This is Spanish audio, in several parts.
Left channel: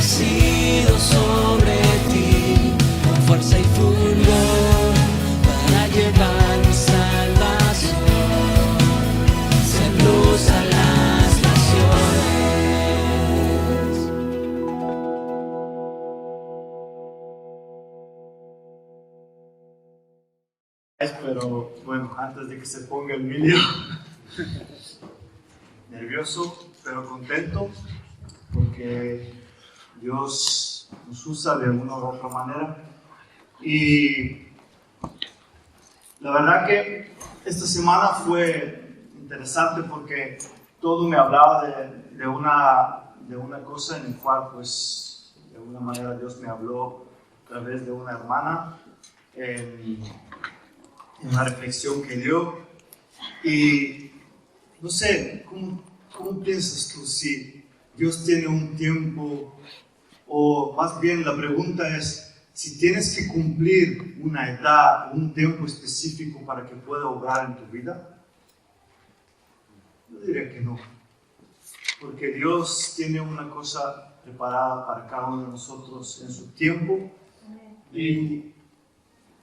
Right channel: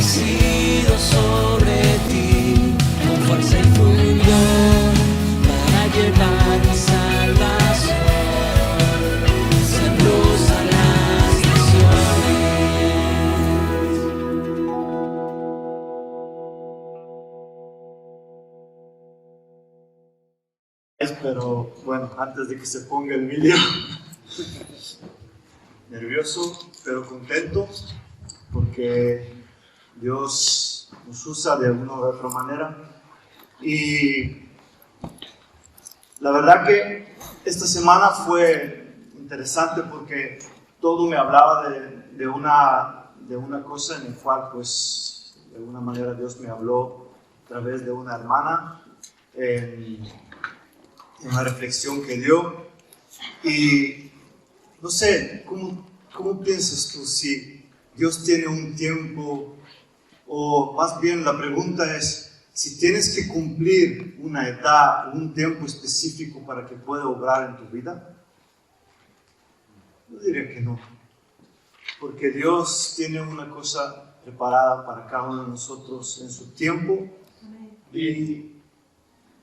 nacido sobre ti, con fuerza y fulgor, para llevar mi salvación, ser luz a las naciones. Pero bueno, antes de que se ponga el vídeo, nervioso pero contento porque Dios nos usa de una u otra manera. Y la verdad que esta semana fue interesante porque todo me hablaba de una cosa en la cual, pues, de alguna manera Dios me habló a través de una hermana en una reflexión que dio. Y no sé, ¿cómo piensas tú si Dios tiene un tiempo? O más bien la pregunta es, si tienes que cumplir una edad, un tiempo específico para que pueda obrar en tu vida. Yo diría que no. Porque Dios tiene una cosa preparada para cada uno de nosotros en su tiempo. Y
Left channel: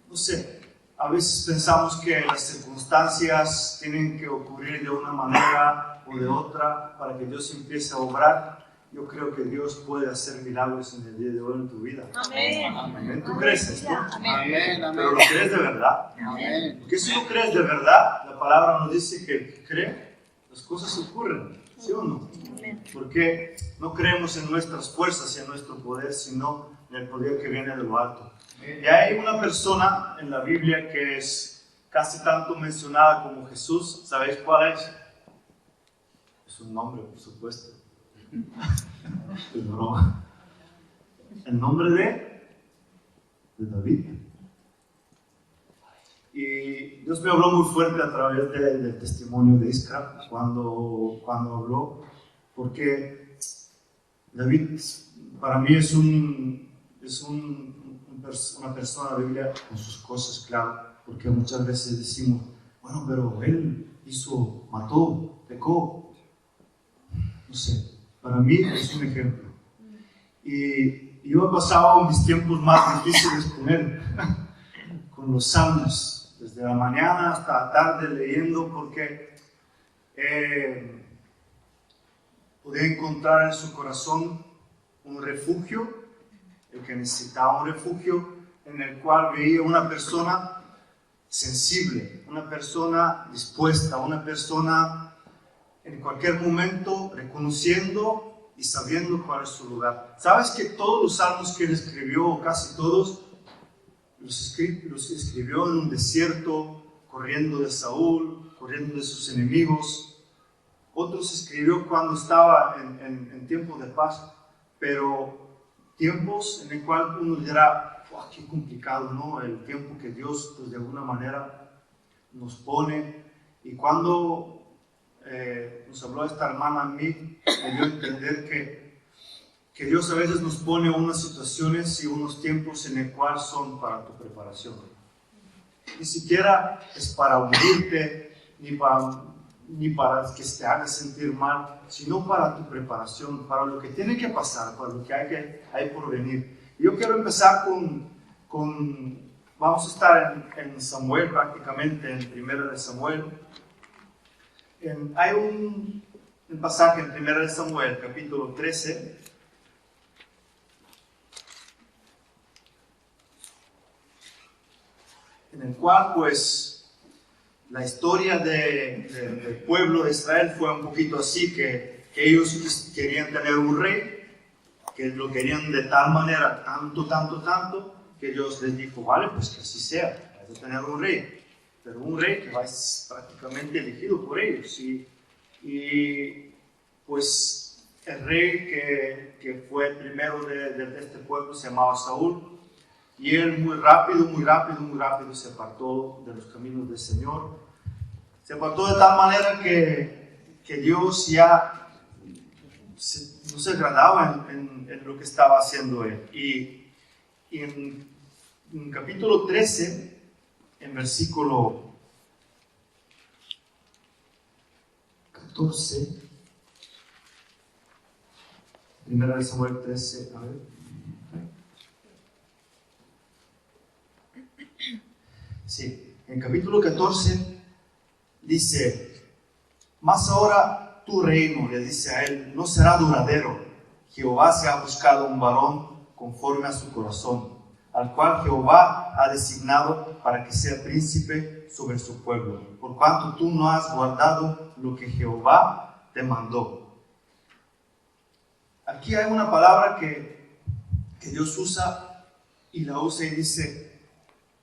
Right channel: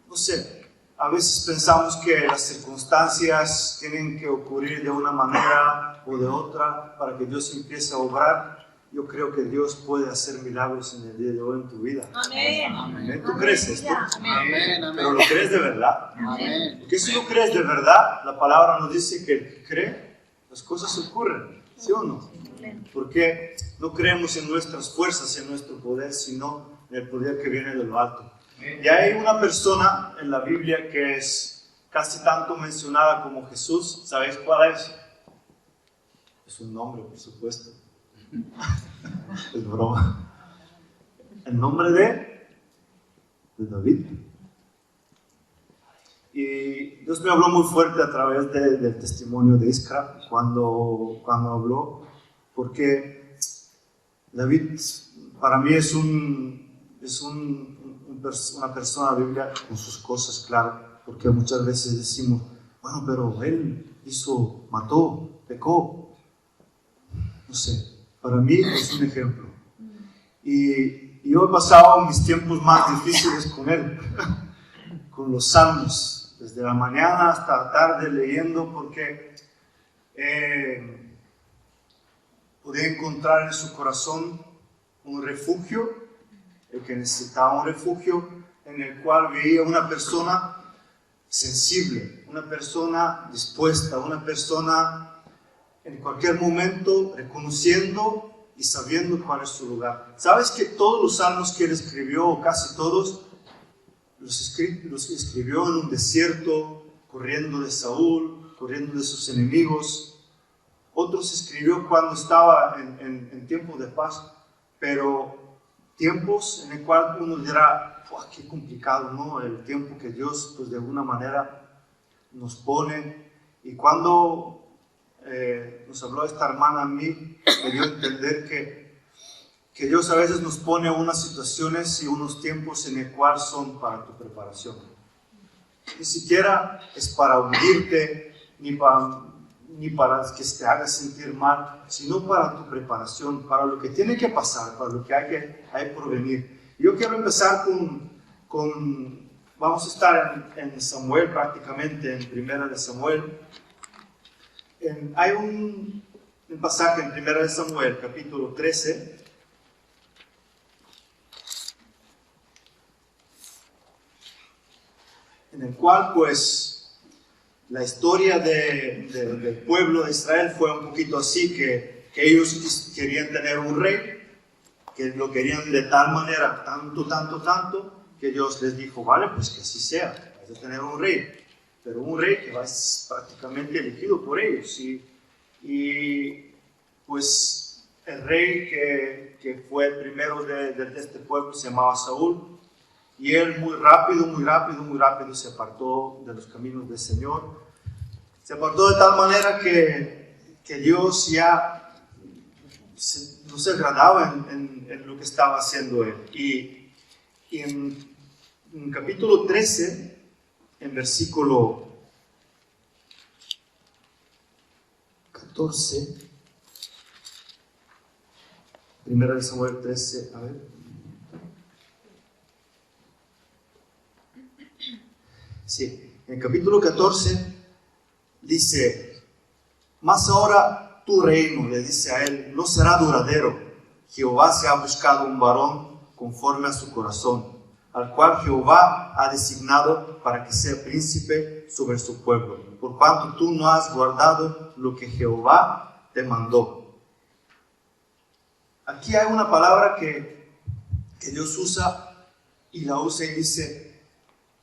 no sé, a veces pensamos que las circunstancias tienen que ocurrir de una manera o de otra para que Dios empiece a obrar. Yo creo que Dios puede hacer milagros en el día de hoy en tu vida. Amén. Amén. ¿Tú crees esto? Amén. ¿Pero lo crees de verdad? Amén. Porque si lo crees de verdad, la palabra nos dice que el que cree, las cosas ocurren. ¿Sí o no? Porque no creemos en nuestras fuerzas y en nuestro poder, sino en el poder que viene de lo alto. Y hay una persona en la Biblia que es casi tanto mencionada como Jesús. ¿Sabéis cuál es? Es un nombre, por supuesto. Es broma. El nombre de David. Y Dios me habló muy fuerte a través del testimonio de Iskra cuando habló, porque David para mí es una persona Biblia con sus cosas, claro, porque muchas veces decimos, bueno, pero él mató, pecó. No sé, para mí es un ejemplo. Y yo he pasado mis tiempos más difíciles con él, con los salmos, desde la mañana hasta la tarde leyendo, porque podía encontrar en su corazón un refugio, el que necesitaba un refugio, en el cual veía una persona sensible, una persona dispuesta, una persona en cualquier momento reconociendo y sabiendo cuál es su lugar. ¿Sabes que todos los salmos que él escribió, o casi todos, los escribió en un desierto, corriendo de Saúl, corriendo de sus enemigos? Otros escribió cuando estaba en tiempo de paz, pero tiempos en el cual uno dirá, qué complicado, ¿no? El tiempo que Dios, pues, de alguna manera nos pone. Y cuando nos habló esta hermana a mí, me dio a entender que Dios a veces nos pone unas situaciones y unos tiempos en el cual son para tu preparación. Ni siquiera es para hundirte, ni para que te hagas sentir mal, sino para tu preparación, para lo que tiene que pasar, para lo que hay por venir. Yo quiero empezar vamos a estar en Samuel, prácticamente en Primera de Samuel. Hay un pasaje en Primera de Samuel, capítulo 13, en el cual, pues, la historia del pueblo de Israel fue un poquito así, que ellos querían tener un rey, que lo querían de tal manera, tanto, que Dios les dijo, vale, pues que así sea, vais a tener un rey, pero un rey que va a ser prácticamente elegido por ellos. Y pues el rey que fue el primero de este pueblo se llamaba Saúl, y él muy rápido se apartó de los caminos del Señor. Se apartó de tal manera que Dios ya no se agradaba en lo que estaba haciendo él. Y en capítulo 13, en versículo 14, Primera de Samuel 13, a ver. Sí, en el capítulo 14 dice: mas ahora tu reino, le dice a él, no será duradero. Jehová se ha buscado un varón conforme a su corazón, al cual Jehová ha designado para que sea príncipe sobre su pueblo, por cuanto tú no has guardado lo que Jehová te mandó. Aquí hay una palabra que Dios usa y la usa y dice:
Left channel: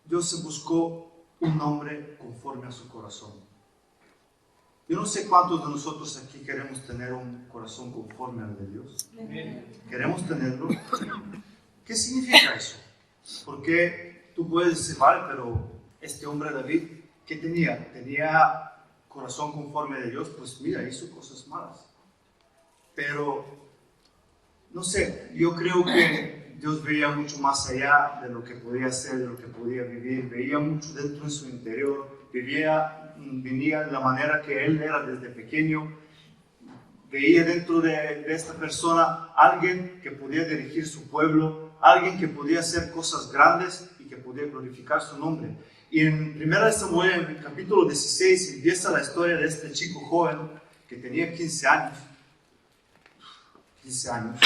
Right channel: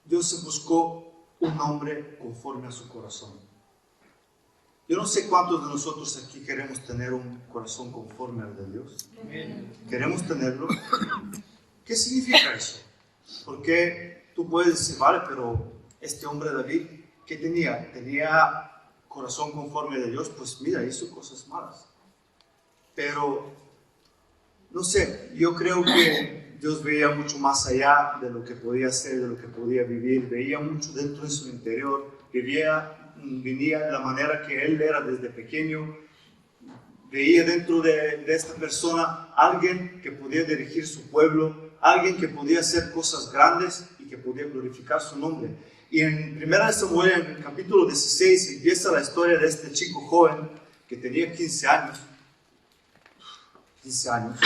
Dios se buscó un hombre conforme a su corazón. Yo no sé cuántos de nosotros aquí queremos tener un corazón conforme al de Dios. ¿Queremos tenerlo? ¿Qué significa eso? Porque tú puedes decir, vale, pero este hombre David, ¿qué tenía? Tenía corazón conforme de Dios. Pues mira, hizo cosas malas. Pero, no sé, yo creo que Dios veía mucho más allá de lo que podía hacer, de lo que podía vivir. Veía mucho dentro de su interior. Venía de la manera que él era desde pequeño. Veía dentro de esta persona alguien que podía dirigir su pueblo, alguien que podía hacer cosas grandes y que podía glorificar su nombre. Y en 1 Samuel, en el capítulo 16, empieza la historia de este chico joven que tenía 15 años. 15 años.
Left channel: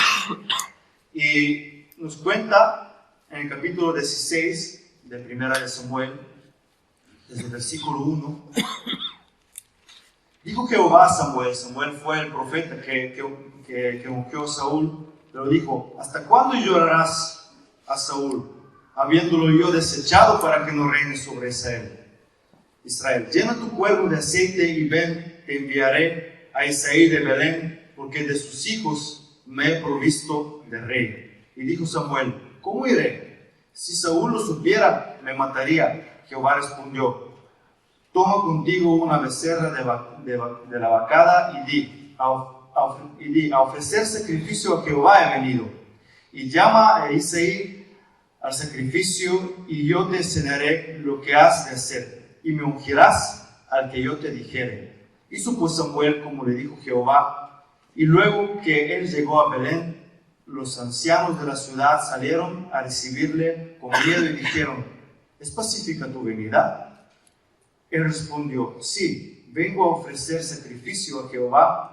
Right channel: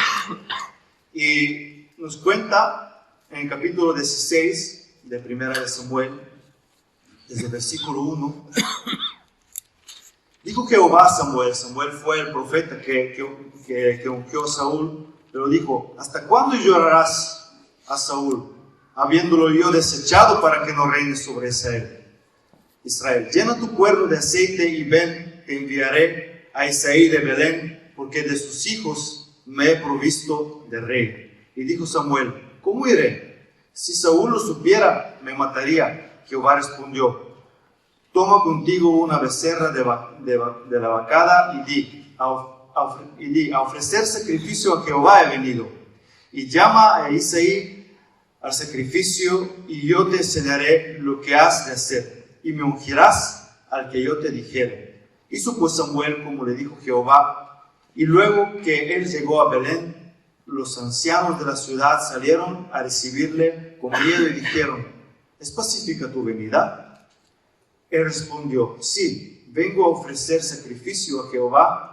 Y nos cuenta en el capítulo 16 de 1 Samuel, desde el versículo 1, dijo Jehová a Samuel. Samuel fue el profeta que ungió a Saúl, pero dijo: ¿hasta cuándo llorarás a Saúl, habiéndolo yo desechado para que no reine sobre Israel? Llena tu cuerno de aceite y ven, te enviaré a Isaí de Belén, porque de sus hijos me he provisto de rey. Y dijo Samuel: ¿cómo iré? Si Saúl lo supiera, me mataría. Jehová respondió: toma contigo una becerra de la vacada y di, a ofrecer sacrificio a Jehová he venido. Y llama a Isaí al sacrificio, y yo te enseñaré lo que has de hacer, y me ungirás al que yo te dijere. Hizo pues Samuel como le dijo Jehová, y luego que él llegó a Belén, los ancianos de la ciudad salieron a recibirle con miedo y dijeron: ¿es pacífica tu venida? Él respondió: sí, vengo a ofrecer sacrificio a Jehová.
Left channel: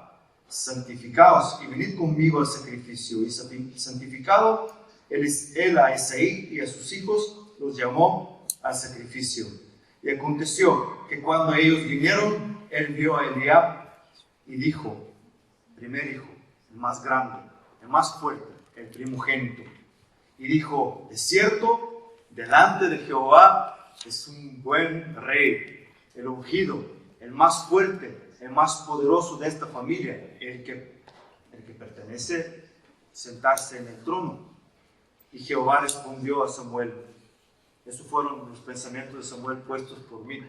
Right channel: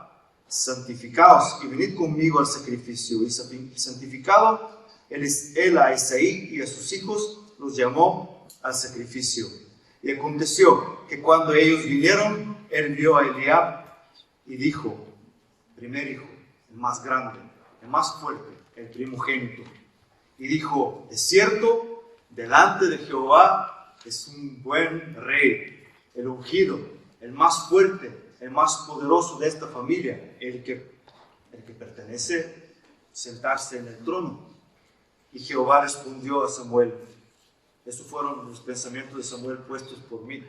Santificaos y venid conmigo al sacrificio. Y santificado él a Isaí y a sus hijos, los llamó al sacrificio. Y aconteció que cuando ellos vinieron, él vio a Eliab y dijo: primer hijo, el más grande, el más fuerte, el primogénito. Y dijo: de cierto, delante de Jehová es un buen rey, el ungido, el más fuerte, el más poderoso de esta familia, el que pertenece sentarse en el trono. Y Jehová respondió a Samuel. Esos fueron los pensamientos de Samuel puestos por mí,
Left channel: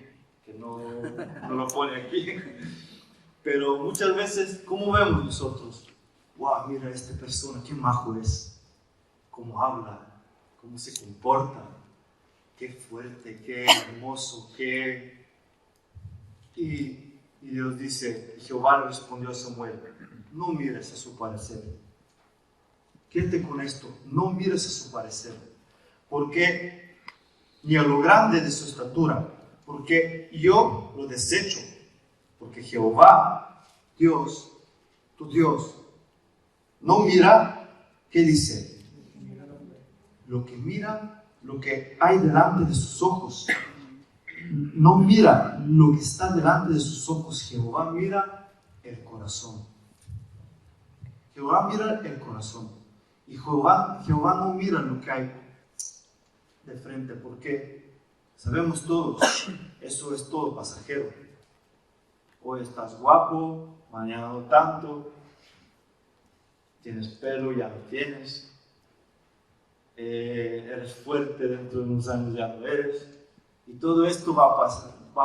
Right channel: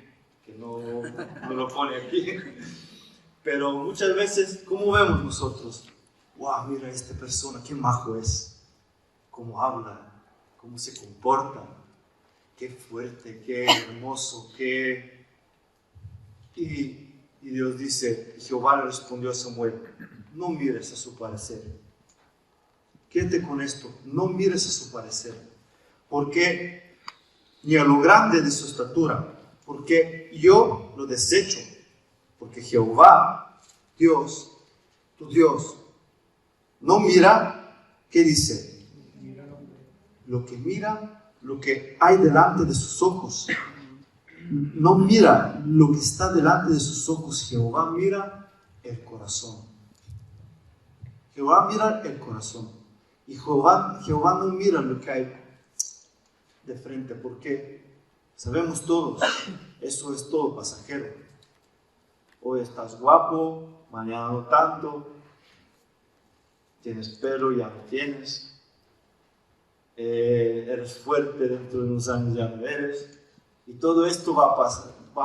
que no lo pone aquí. Pero muchas veces, ¿cómo vemos nosotros? Wow, mira esta persona, qué majo es, cómo habla, cómo se comporta, qué fuerte, qué hermoso, qué... Y Dios dice, Jehová le respondió a Samuel: no mires a su parecer. Quédate con esto, no mires a su parecer. Porque ni a lo grande de su estatura, porque yo lo desecho. Porque Jehová, Dios, tu Dios, no mira, ¿qué dice? Lo que mira, lo que hay delante de sus ojos. No mira lo que está delante de sus ojos. Jehová mira el corazón. Jehová mira el corazón. Y Jehová no mira lo que hay de frente, porque sabemos todos, eso es todo pasajero. Hoy estás guapo, mañana no tanto, tienes pelo, ya no tienes, eres fuerte, dentro de unos años ya no eres. Y todo esto va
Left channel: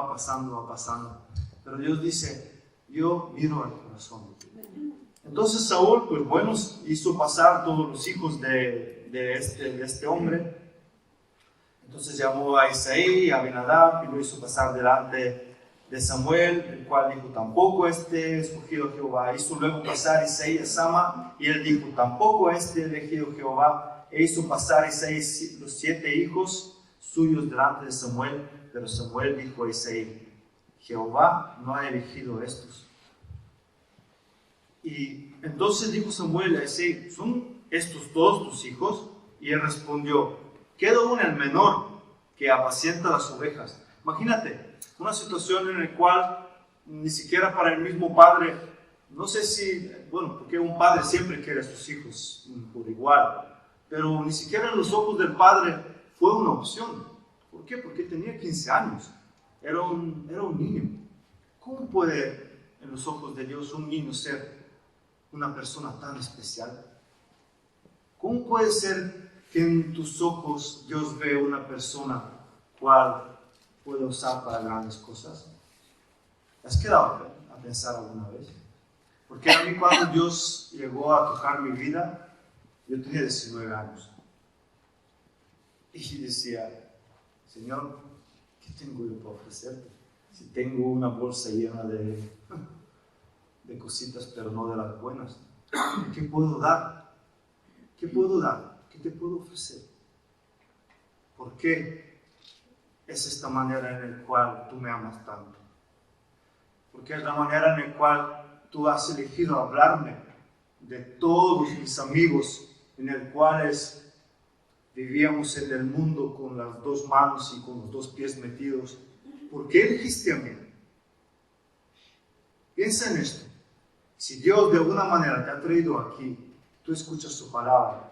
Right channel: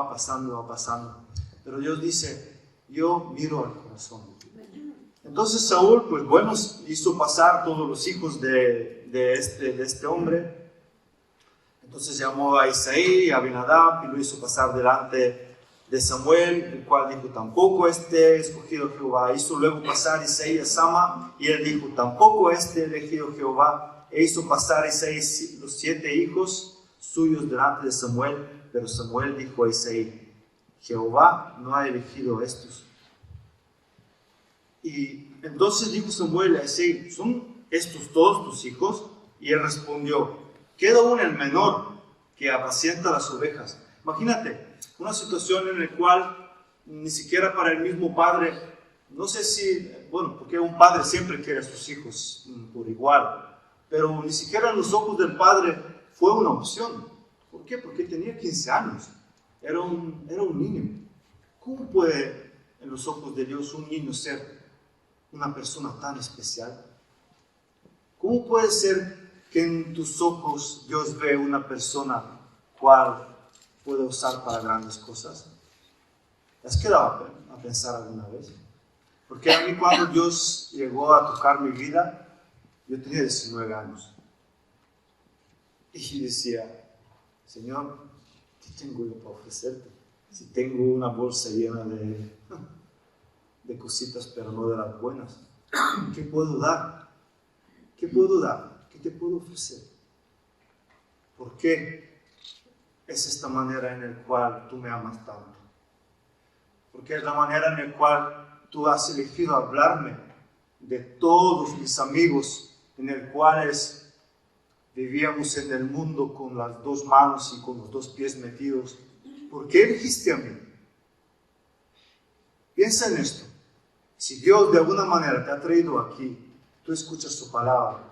pasando. Pero Dios dice: yo miro al corazón. Entonces Saúl, pues bueno, hizo pasar todos los hijos de este hombre. Entonces llamó a Isaí, a Abinadab, y lo hizo pasar delante de Samuel, el cual dijo, tampoco este escogido Jehová. Hizo luego pasar Isaí a Sama, y él dijo, tampoco este elegido Jehová. E hizo pasar a Isaí los 7 hijos suyos delante de Samuel, pero Samuel dijo a Isaí, Jehová no ha elegido estos. Y entonces dijo Samuel a Isaí, ¿son estos todos tus hijos? Y él respondió, queda aún el menor que apacienta las ovejas. Imagínate, una situación en la cual ni siquiera para el mismo padre, no sé si, bueno, porque un padre siempre quiere a sus hijos por igual, pero ni siquiera en los ojos del padre fue una opción. ¿Por qué? Porque tenía 15 años, era un niño. ¿Cómo puede en los ojos de Dios un niño ser una persona tan especial? ¿Cómo puede ser que en tus ojos Dios ve una persona cual puede usar para grandes cosas? ¿Has quedado a pensar alguna vez? Porque a mí cuando Dios llegó a tocar mi vida, yo tenía 19 años. Y decía, Señor, ¿qué tengo yo para ofrecerte? Si tengo una bolsa llena de cositas, pero no de las buenas. ¿Qué puedo dar? ¿Qué puedo dar? ¿Qué te puedo ofrecer? ¿Por qué es esta manera en la cual tú me amas tanto? Porque es la manera en la cual tú has elegido hablarme de todos mis amigos en el cuales vivíamos en el mundo con las 2 manos y con los 2 pies metidos. ¿Por qué elegiste a mí? Piensa en esto. Si Dios de alguna manera te ha traído aquí, tú escuchas su palabra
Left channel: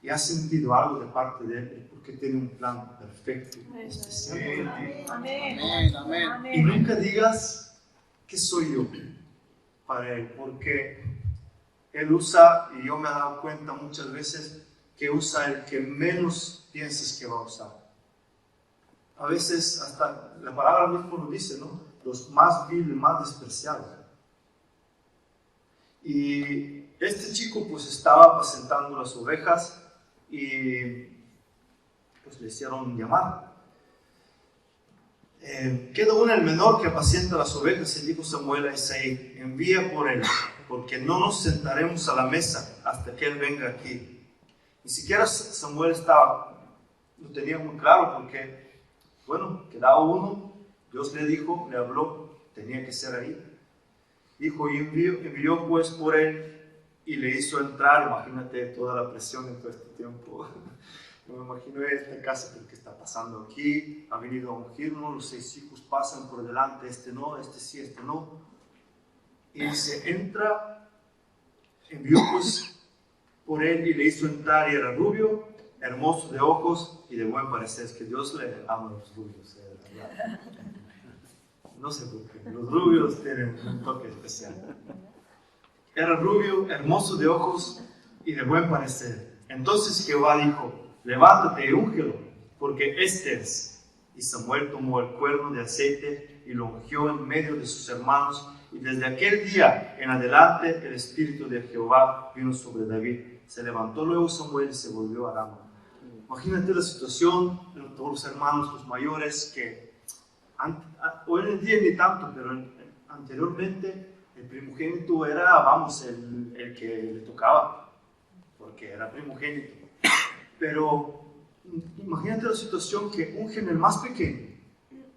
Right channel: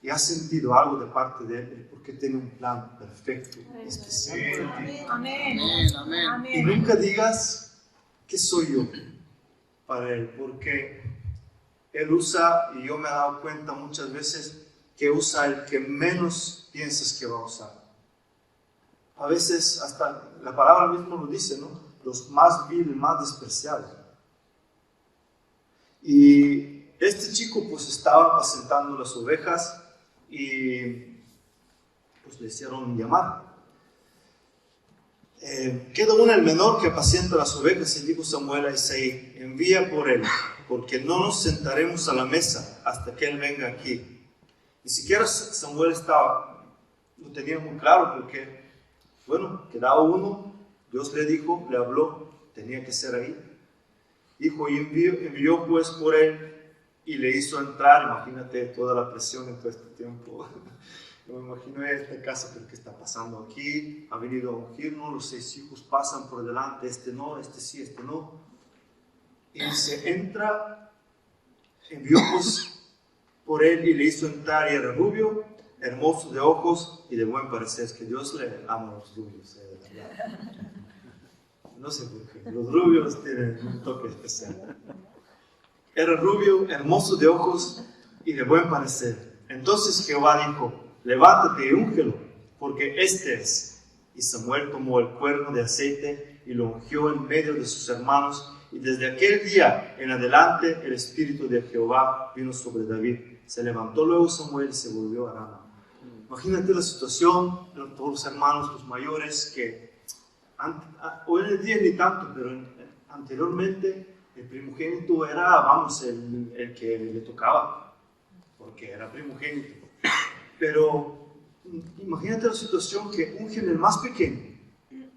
y has sentido algo de parte de Él, porque tiene un plan perfecto, especial para ti. Amén. Y nunca digas que soy yo para Él, porque Él usa, y yo me he dado cuenta muchas veces, que usa el que menos piensas que va a usar. A veces hasta la palabra misma lo dice, ¿no? Los más viles, más despreciados. Y este chico pues estaba apacentando las ovejas y pues le hicieron llamar. Queda aún el menor que apacienta las ovejas, y dijo Samuel a Isaí, envía por él, porque no nos sentaremos a la mesa hasta que él venga aquí. Ni siquiera Samuel lo tenía muy claro, porque, bueno, quedaba uno, Dios le dijo, le habló, tenía que ser ahí. Dijo, y envió pues por él y le hizo entrar. Imagínate toda la presión en todo este tiempo. Yo me imagino esta casa, pero ¿qué está pasando aquí? Ha venido a ungirnos, los 6 hijos pasan por delante, este no, este sí, este no. Y se entra, envió pues por él y le hizo entrar, y era rubio, hermoso de ojos y de buen parecer. Es que Dios le ama a los rubios, de verdad. No sé por qué, los rubios tienen un toque especial. Era rubio, hermoso de ojos y de buen parecer. Entonces Jehová dijo, levántate y úngelo, porque este es. Y Samuel tomó el cuerno de aceite y lo ungió en medio de sus hermanos. Y desde aquel día en adelante el espíritu de Jehová vino sobre David. Se levantó luego Samuel y se volvió a Rama. Imagínate la situación de todos los hermanos, los mayores, que hoy en día ni tanto, pero anteriormente el primogénito era, vamos, el que le tocaba, porque era primogénito. Pero imagínate la situación que ungen el más pequeño,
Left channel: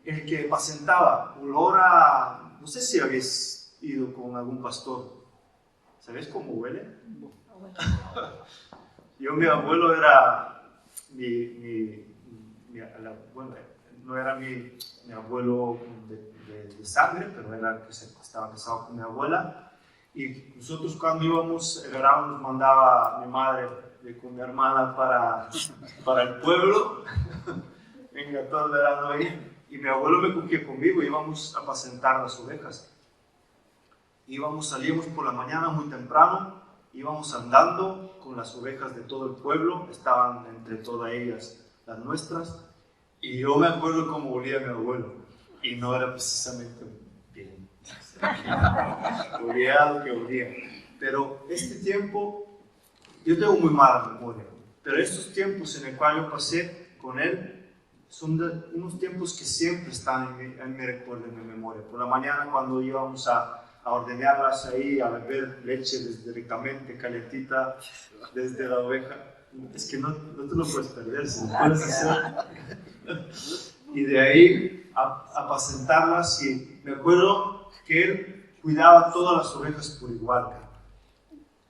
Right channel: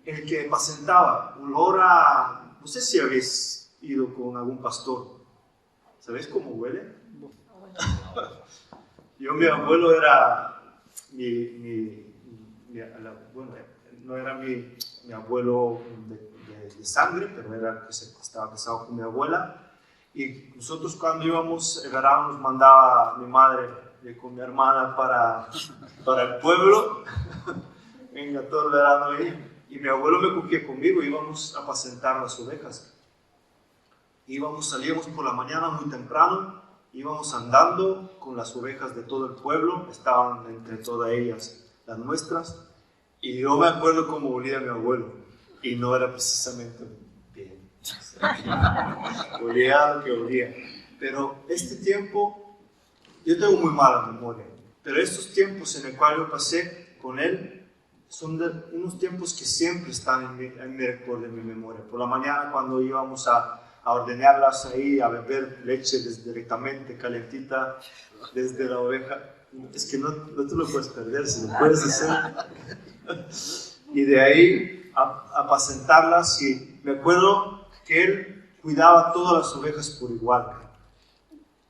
el que apacentaba, olor a, no sé si habéis ido con algún pastor, ¿sabéis cómo huele? Mi abuelo era bueno, no era mi abuelo de sangre, pero era que estaba casado con mi abuela. Y nosotros cuando íbamos, el verano nos mandaba mi madre con mi hermana para el pueblo. Venga, todo el verano ahí. Y mi abuelo me cogía conmigo, íbamos a apacentar las ovejas. Salíamos por la mañana muy temprano, íbamos andando con las ovejas de todo el pueblo, estaban entre todas ellas las nuestras. Y yo me acuerdo cómo olía mi abuelo, y no era precisamente bien. Olía lo que olía. Pero este tiempo, yo tengo muy mala memoria, pero estos tiempos en el cual yo pasé con él, son unos tiempos que siempre están en mi recuerdo, en mi memoria. Por la mañana cuando íbamos a ordeñarlas ahí, a beber leche directamente calentita desde la oveja. Es que no te lo puedes perder, si lo puedes hacer. Y de ahí a apacentarlas, y me acuerdo que él cuidaba todas las ovejas por igual.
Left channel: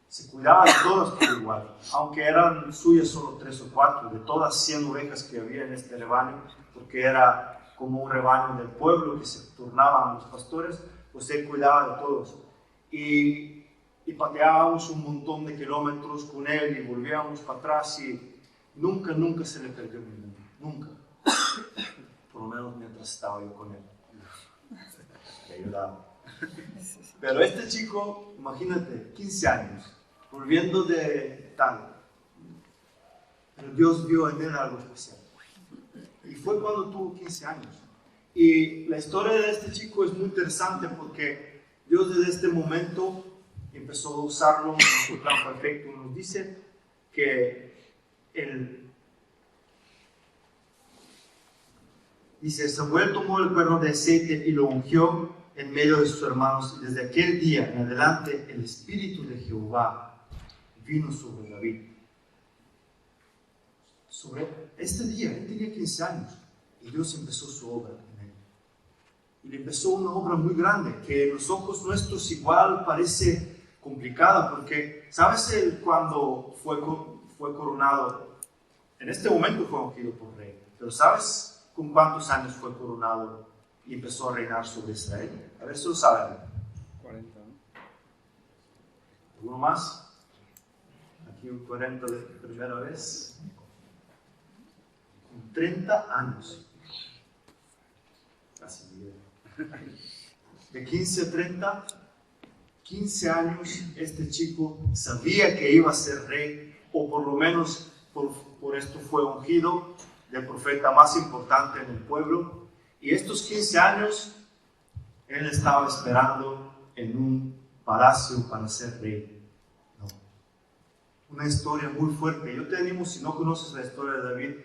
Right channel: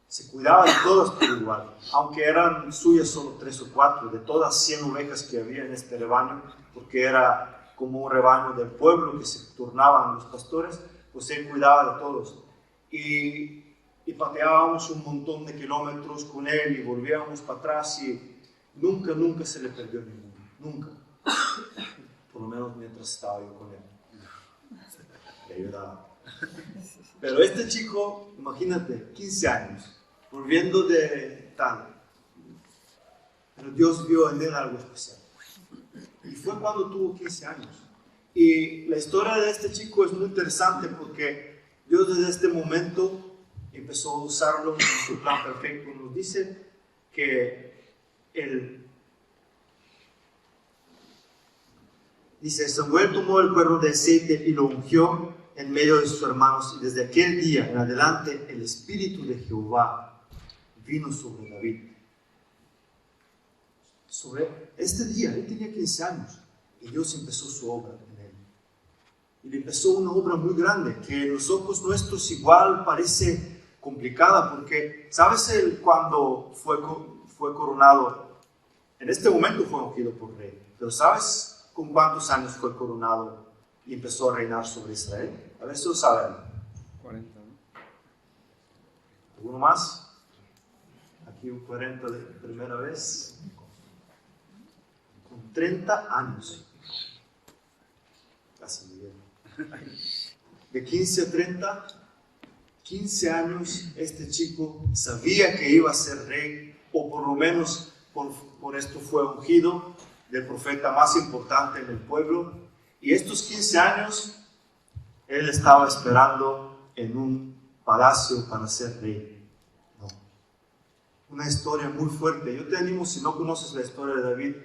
Se cuidaba de todas por igual, aunque eran suyas solo 3 o 4, de todas 100 ovejas que había en este rebaño, porque era como un rebaño del pueblo que se turnaban los pastores, pues él cuidaba de todos. Y pateábamos un montón de kilómetros con él y volvíamos para atrás, y nunca se le perdió ninguno, nunca. Por lo menos mientras estaba yo con él. Le ayudaba. Pero este chico, imagínate, 15 años, volviendo de tal. Pero Dios vio en él algo especial. Y fue cuando tuvo 15 años. Y la historia de este chico es muy interesante porque Dios desde este momento empezó a usarlo en su plan perfecto. Nos dice que Samuel tomó el cuerno de aceite y lo ungió en medio de sus hermanos, y desde aquel día en adelante el Espíritu de Jehová vino sobre David. Sobre este día, él tenía 15 años y Dios empezó su obra en él. Y le empezó una obra muy grande que en los ojos nuestros igual parece complicada, porque ¿sabes cuando fue coronado? En este momento fue ungido por rey, pero ¿sabes con cuántos años fue coronado y empezó a reinar sobre Israel? A ver si lo saben. 40, ¿no? ¿Alguno más? Aquí un 40 de primera vez. Con 30 años. Casi bien. De 15 a 30, 15 años, este chico sabía que iba a ser rey, o por lo menos por esto fue ungido del profeta más importante en el pueblo. Y estos 15 años, él estaba esperando en un palacio para ser rey. No. Una historia muy fuerte. Yo te animo, si no conoces la historia de David,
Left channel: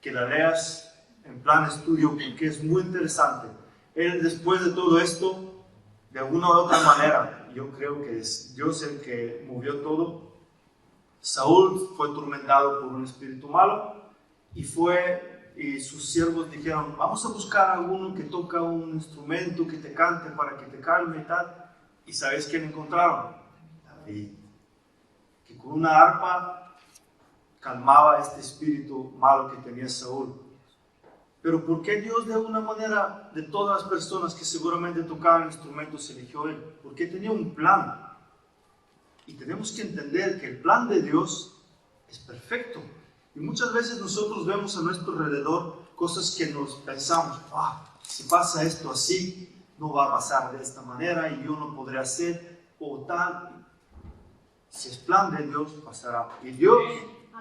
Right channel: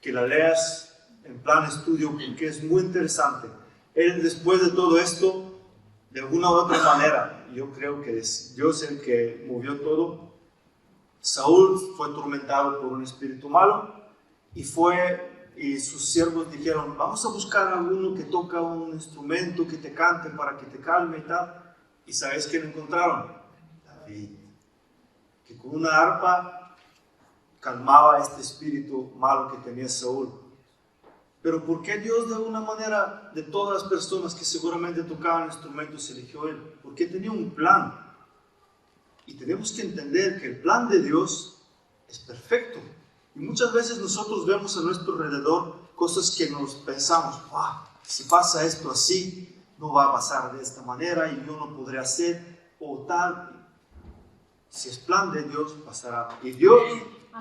que la leas en plan estudio, porque es muy interesante. Él, después de todo esto, de alguna u otra manera, yo creo que es Dios el que movió todo. Saúl fue atormentado por un espíritu malo y sus siervos dijeron: vamos a buscar a alguno que toca un instrumento, que te cante para que te calme y tal. ¿Y sabes quién encontraron? David, que con una arpa calmaba este espíritu malo que tenía Saúl. Pero ¿por qué Dios, de alguna manera, de todas las personas que seguramente tocaban instrumentos, eligió él? Porque tenía un plan. Y tenemos que entender que el plan de Dios es perfecto. Y muchas veces nosotros vemos a nuestro alrededor cosas que nos pensamos: si pasa esto así, no va a pasar de esta manera y yo no podré hacer o tal. Si es plan de Dios, pasará. Y Dios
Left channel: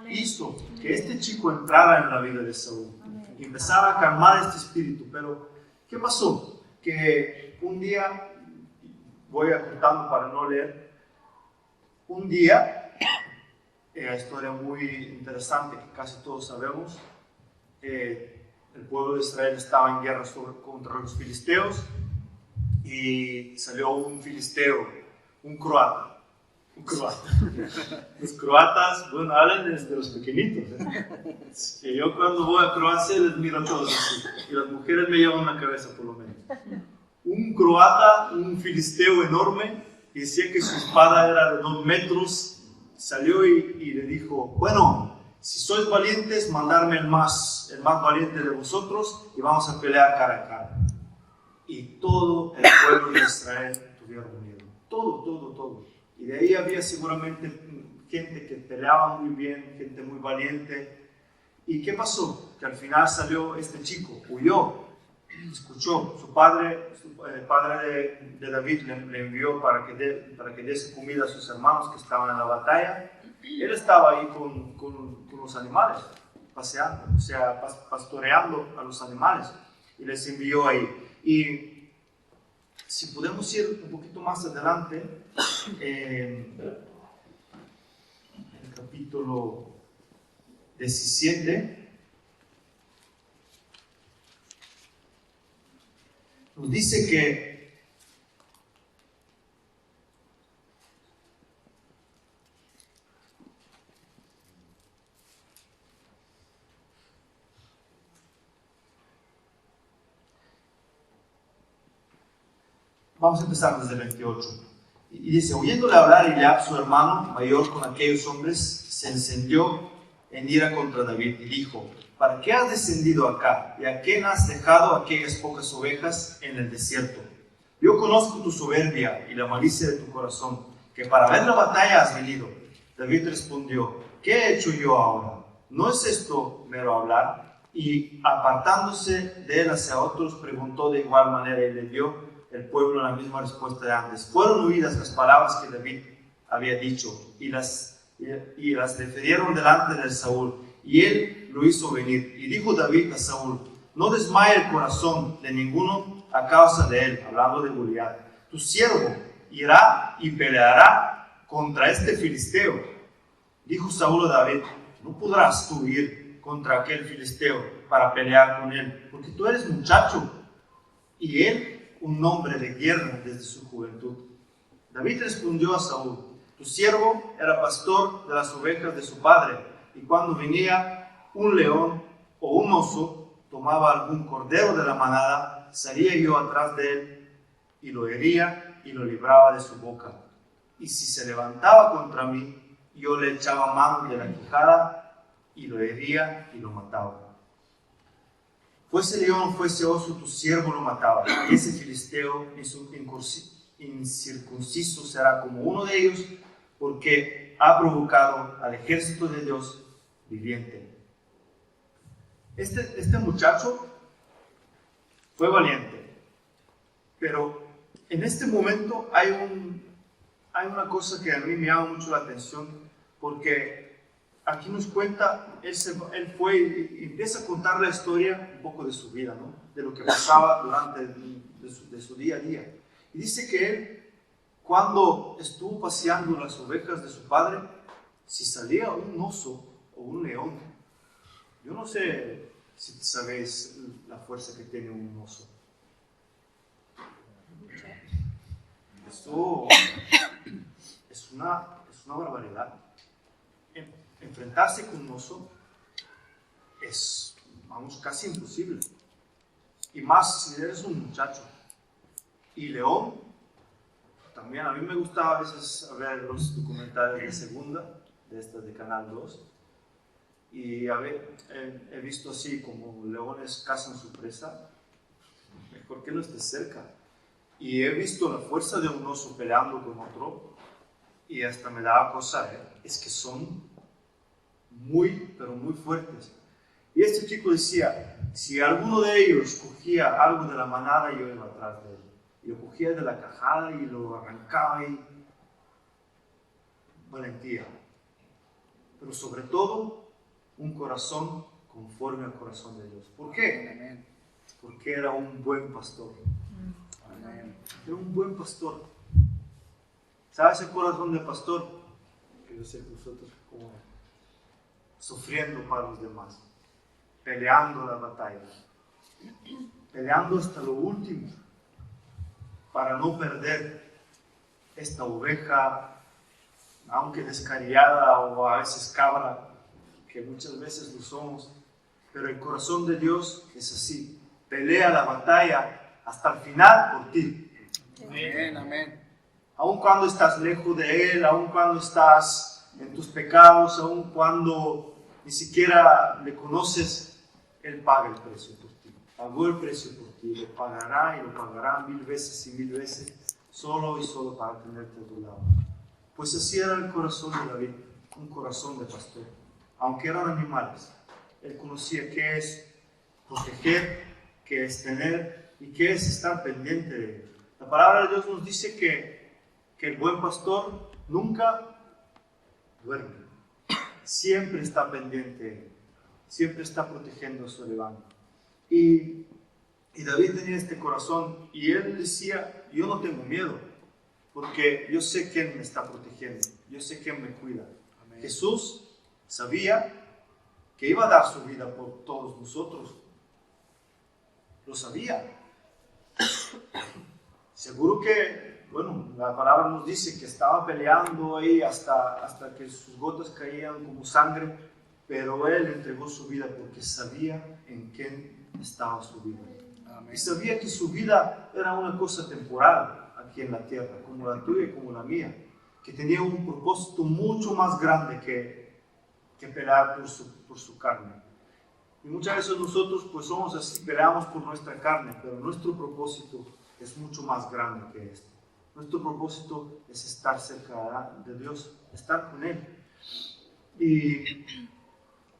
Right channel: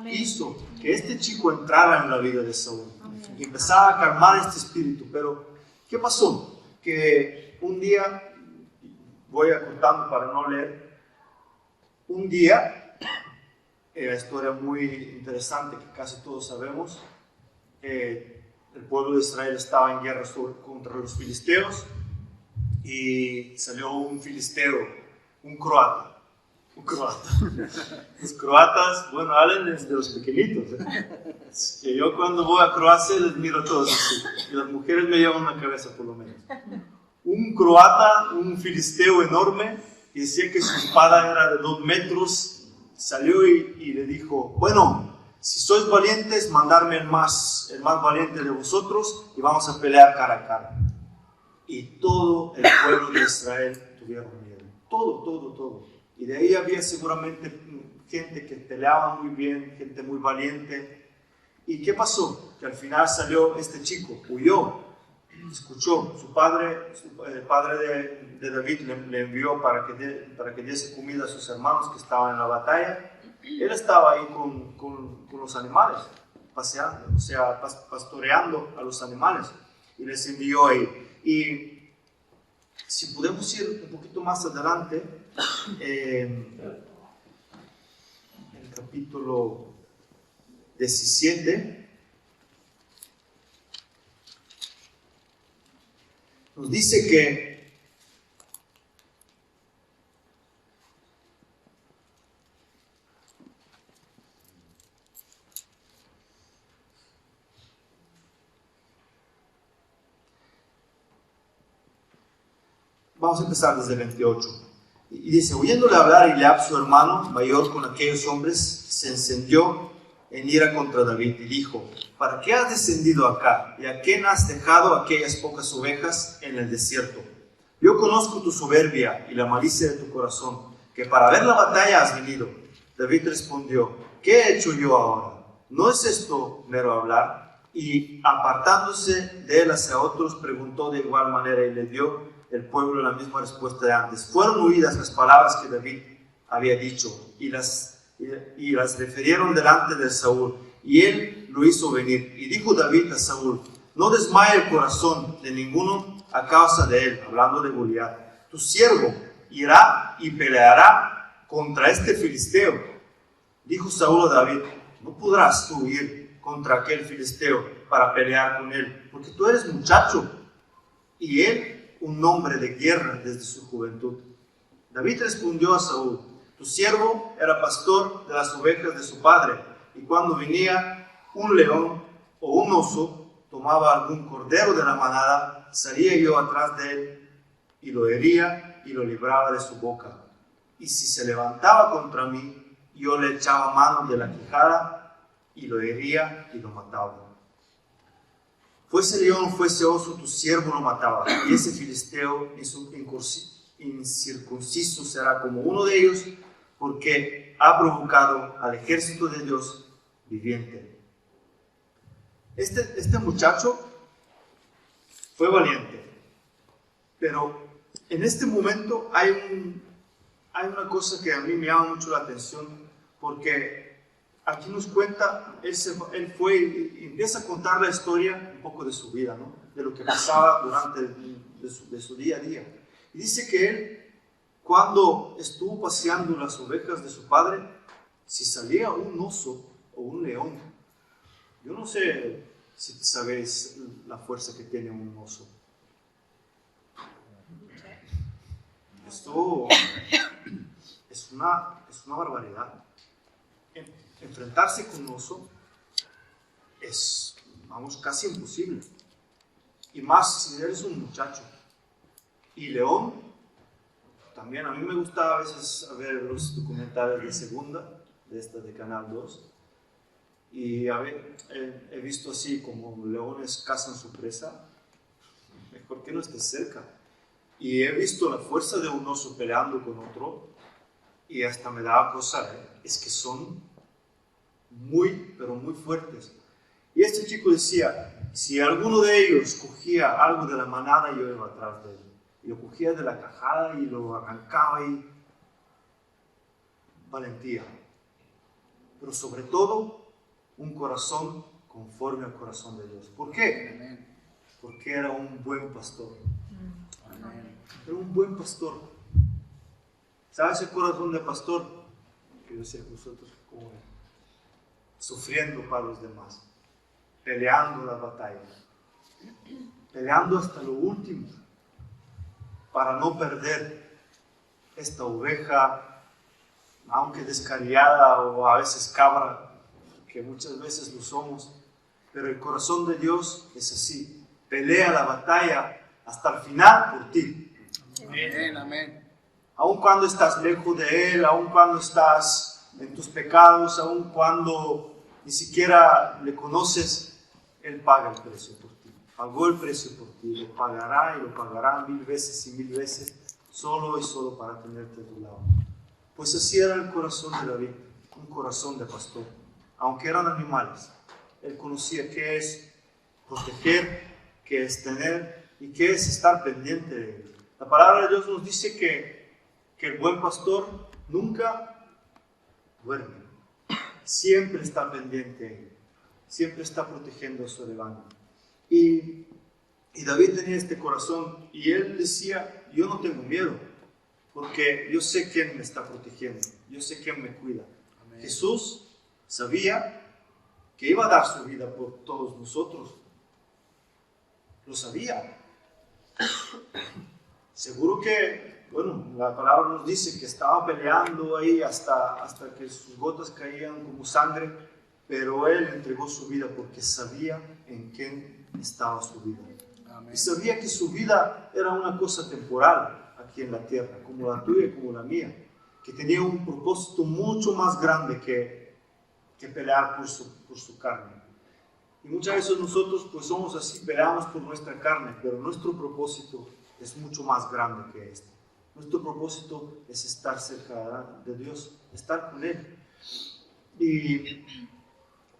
hizo que este chico entrara en la vida de Saúl y empezara a calmar este espíritu. Pero ¿qué pasó? Que un día, voy apuntando para no leer, un día, la historia muy interesante que casi todos sabemos, el pueblo de Israel estaba en guerra contra los filisteos, y salió un filisteo, un croata. Los croatas, bueno, hablan desde los pequeñitos. Que yo cuando voy a Croacia les miro a todos así, y las mujeres me llevan una cabeza por lo menos. Un croata, un filisteo enorme, y decía que su espada era de 2 metros, salió y le dijo: bueno, si sois valientes, mandarme el más valiente de vosotros y vamos a pelear cara a cara. Y todo el pueblo de Israel tuvieron miedo. Todo. Y de ahí había seguramente gente que peleaba muy bien, gente muy valiente. ¿Y qué pasó? Que al final salió este chico, huyó, escuchó. El padre de David le envió para que diese comida a sus hermanos que estaban en la batalla. Él estaba ahí con los animales, paseando, o sea, pastoreando a los animales, y les envió ahí. Y si podemos ir un poquito más adelante, el capítulo 17, nos dice que vamos a empezar desde el 28. Y dice, oyéndole hablar Eliab, su hermano mayor, con aquellos hombres, se encendió en ira contra David y dijo, ¿para qué has descendido acá? ¿Y a quién has dejado aquellas pocas ovejas en el desierto? Yo conozco tu soberbia y la malicia de tu corazón, que para ver la batalla has venido. David respondió, ¿qué he hecho yo ahora? ¿No es esto mero hablar? Y apartándose de él hacia otros, preguntó de igual manera y le dio el pueblo la misma respuesta de antes. Fueron oídas las palabras que David había dicho y las refirieron delante de Saúl, y él lo hizo venir. Y dijo David a Saúl, no desmaye el corazón de ninguno a causa de él, hablando de Goliat. Tu siervo irá y peleará contra este filisteo. Dijo Saúl a David, no podrás tú ir contra aquel filisteo para pelear con él, porque tú eres muchacho y él un hombre de guerra desde su juventud. David respondió a Saúl, tu siervo era pastor de las ovejas de su padre, y cuando venía un león o un oso, tomaba algún cordero de la manada, salía yo atrás de él y lo hería y lo libraba de su boca. Y si se levantaba contra mí, yo le echaba mano de la quijada y lo hería y lo mataba. Fuese león, fuese oso, tu siervo lo mataba, y ese filisteo incircunciso será como uno de ellos, porque ha provocado al ejército de Dios viviente. Este muchacho fue valiente, pero en este momento hay una cosa que a mí me llama mucho la atención, porque aquí nos cuenta, él fue y empieza a contar la historia un poco de su vida, ¿no? De lo que pasaba durante de su día a día. Y dice que él, cuando estuvo paseando las ovejas de su padre, si salía un oso o un león, yo no sé si sabéis la fuerza que tiene un oso. Esto es una barbaridad. Enfrentarse con un oso es, casi imposible. Y más si eres un muchacho. Y león, también a mí me gusta a veces ver los documentales de Segunda, de Canal 2. Y he visto así como leones cazan su presa. Mejor que no estés cerca. Y he visto la fuerza de un oso peleando con otro. Y hasta me daba cosa, es que son muy, pero muy fuertes. Y este chico decía, si alguno de ellos cogía algo de la manada, yo iba atrás de él. Y lo cogía de la cajada y lo arrancaba y valentía. Pero sobre todo, un corazón conforme al corazón de Dios. ¿Por qué? Amén. Porque era un buen pastor. Amén. Era un buen pastor. ¿Sabes el corazón de pastor? Que yo sé que vosotros como sufriendo para los demás, peleando las batallas, peleando hasta lo último, para no perder esta oveja, aunque descarriada o a veces cabra, que muchas veces lo somos, pero el corazón de Dios es así, pelea la batalla hasta el final por ti. Amén, amén. Aun cuando estás lejos de Él, aun cuando estás en tus pecados, aun cuando ni siquiera le conoces, Él paga el precio por ti. Pagó el precio por ti, lo pagará y lo pagará 1000 veces y 1000 veces, solo y solo para tenerte a tu lado. Pues así era el corazón de David, un corazón de pastor. Aunque eran animales, él conocía qué es proteger, qué es tener y qué es estar pendiente de ellos. La palabra de Dios nos dice que el buen pastor nunca duerme. Siempre está pendiente, siempre está protegiendo a su rebaño. Y David tenía este corazón y él decía, yo no tengo miedo, porque yo sé quién me está protegiendo, yo sé quién me cuida. Amén. Jesús sabía que iba a dar su vida por todos nosotros, lo sabía. Seguro que, bueno, la palabra nos dice que estaba peleando ahí hasta que sus gotas caían como sangre, pero él entregó su vida porque sabía en qué estaba su vida. Amén. Y sabía que su vida era una cosa temporal aquí en la tierra, como la tuya y como la mía, que tenía un propósito mucho más grande que pelear por su carne. Y muchas veces nosotros pues somos así, peleamos por nuestra carne, pero nuestro propósito es mucho más grande que esto. Nuestro propósito es estar cerca de Dios, estar con Él. Y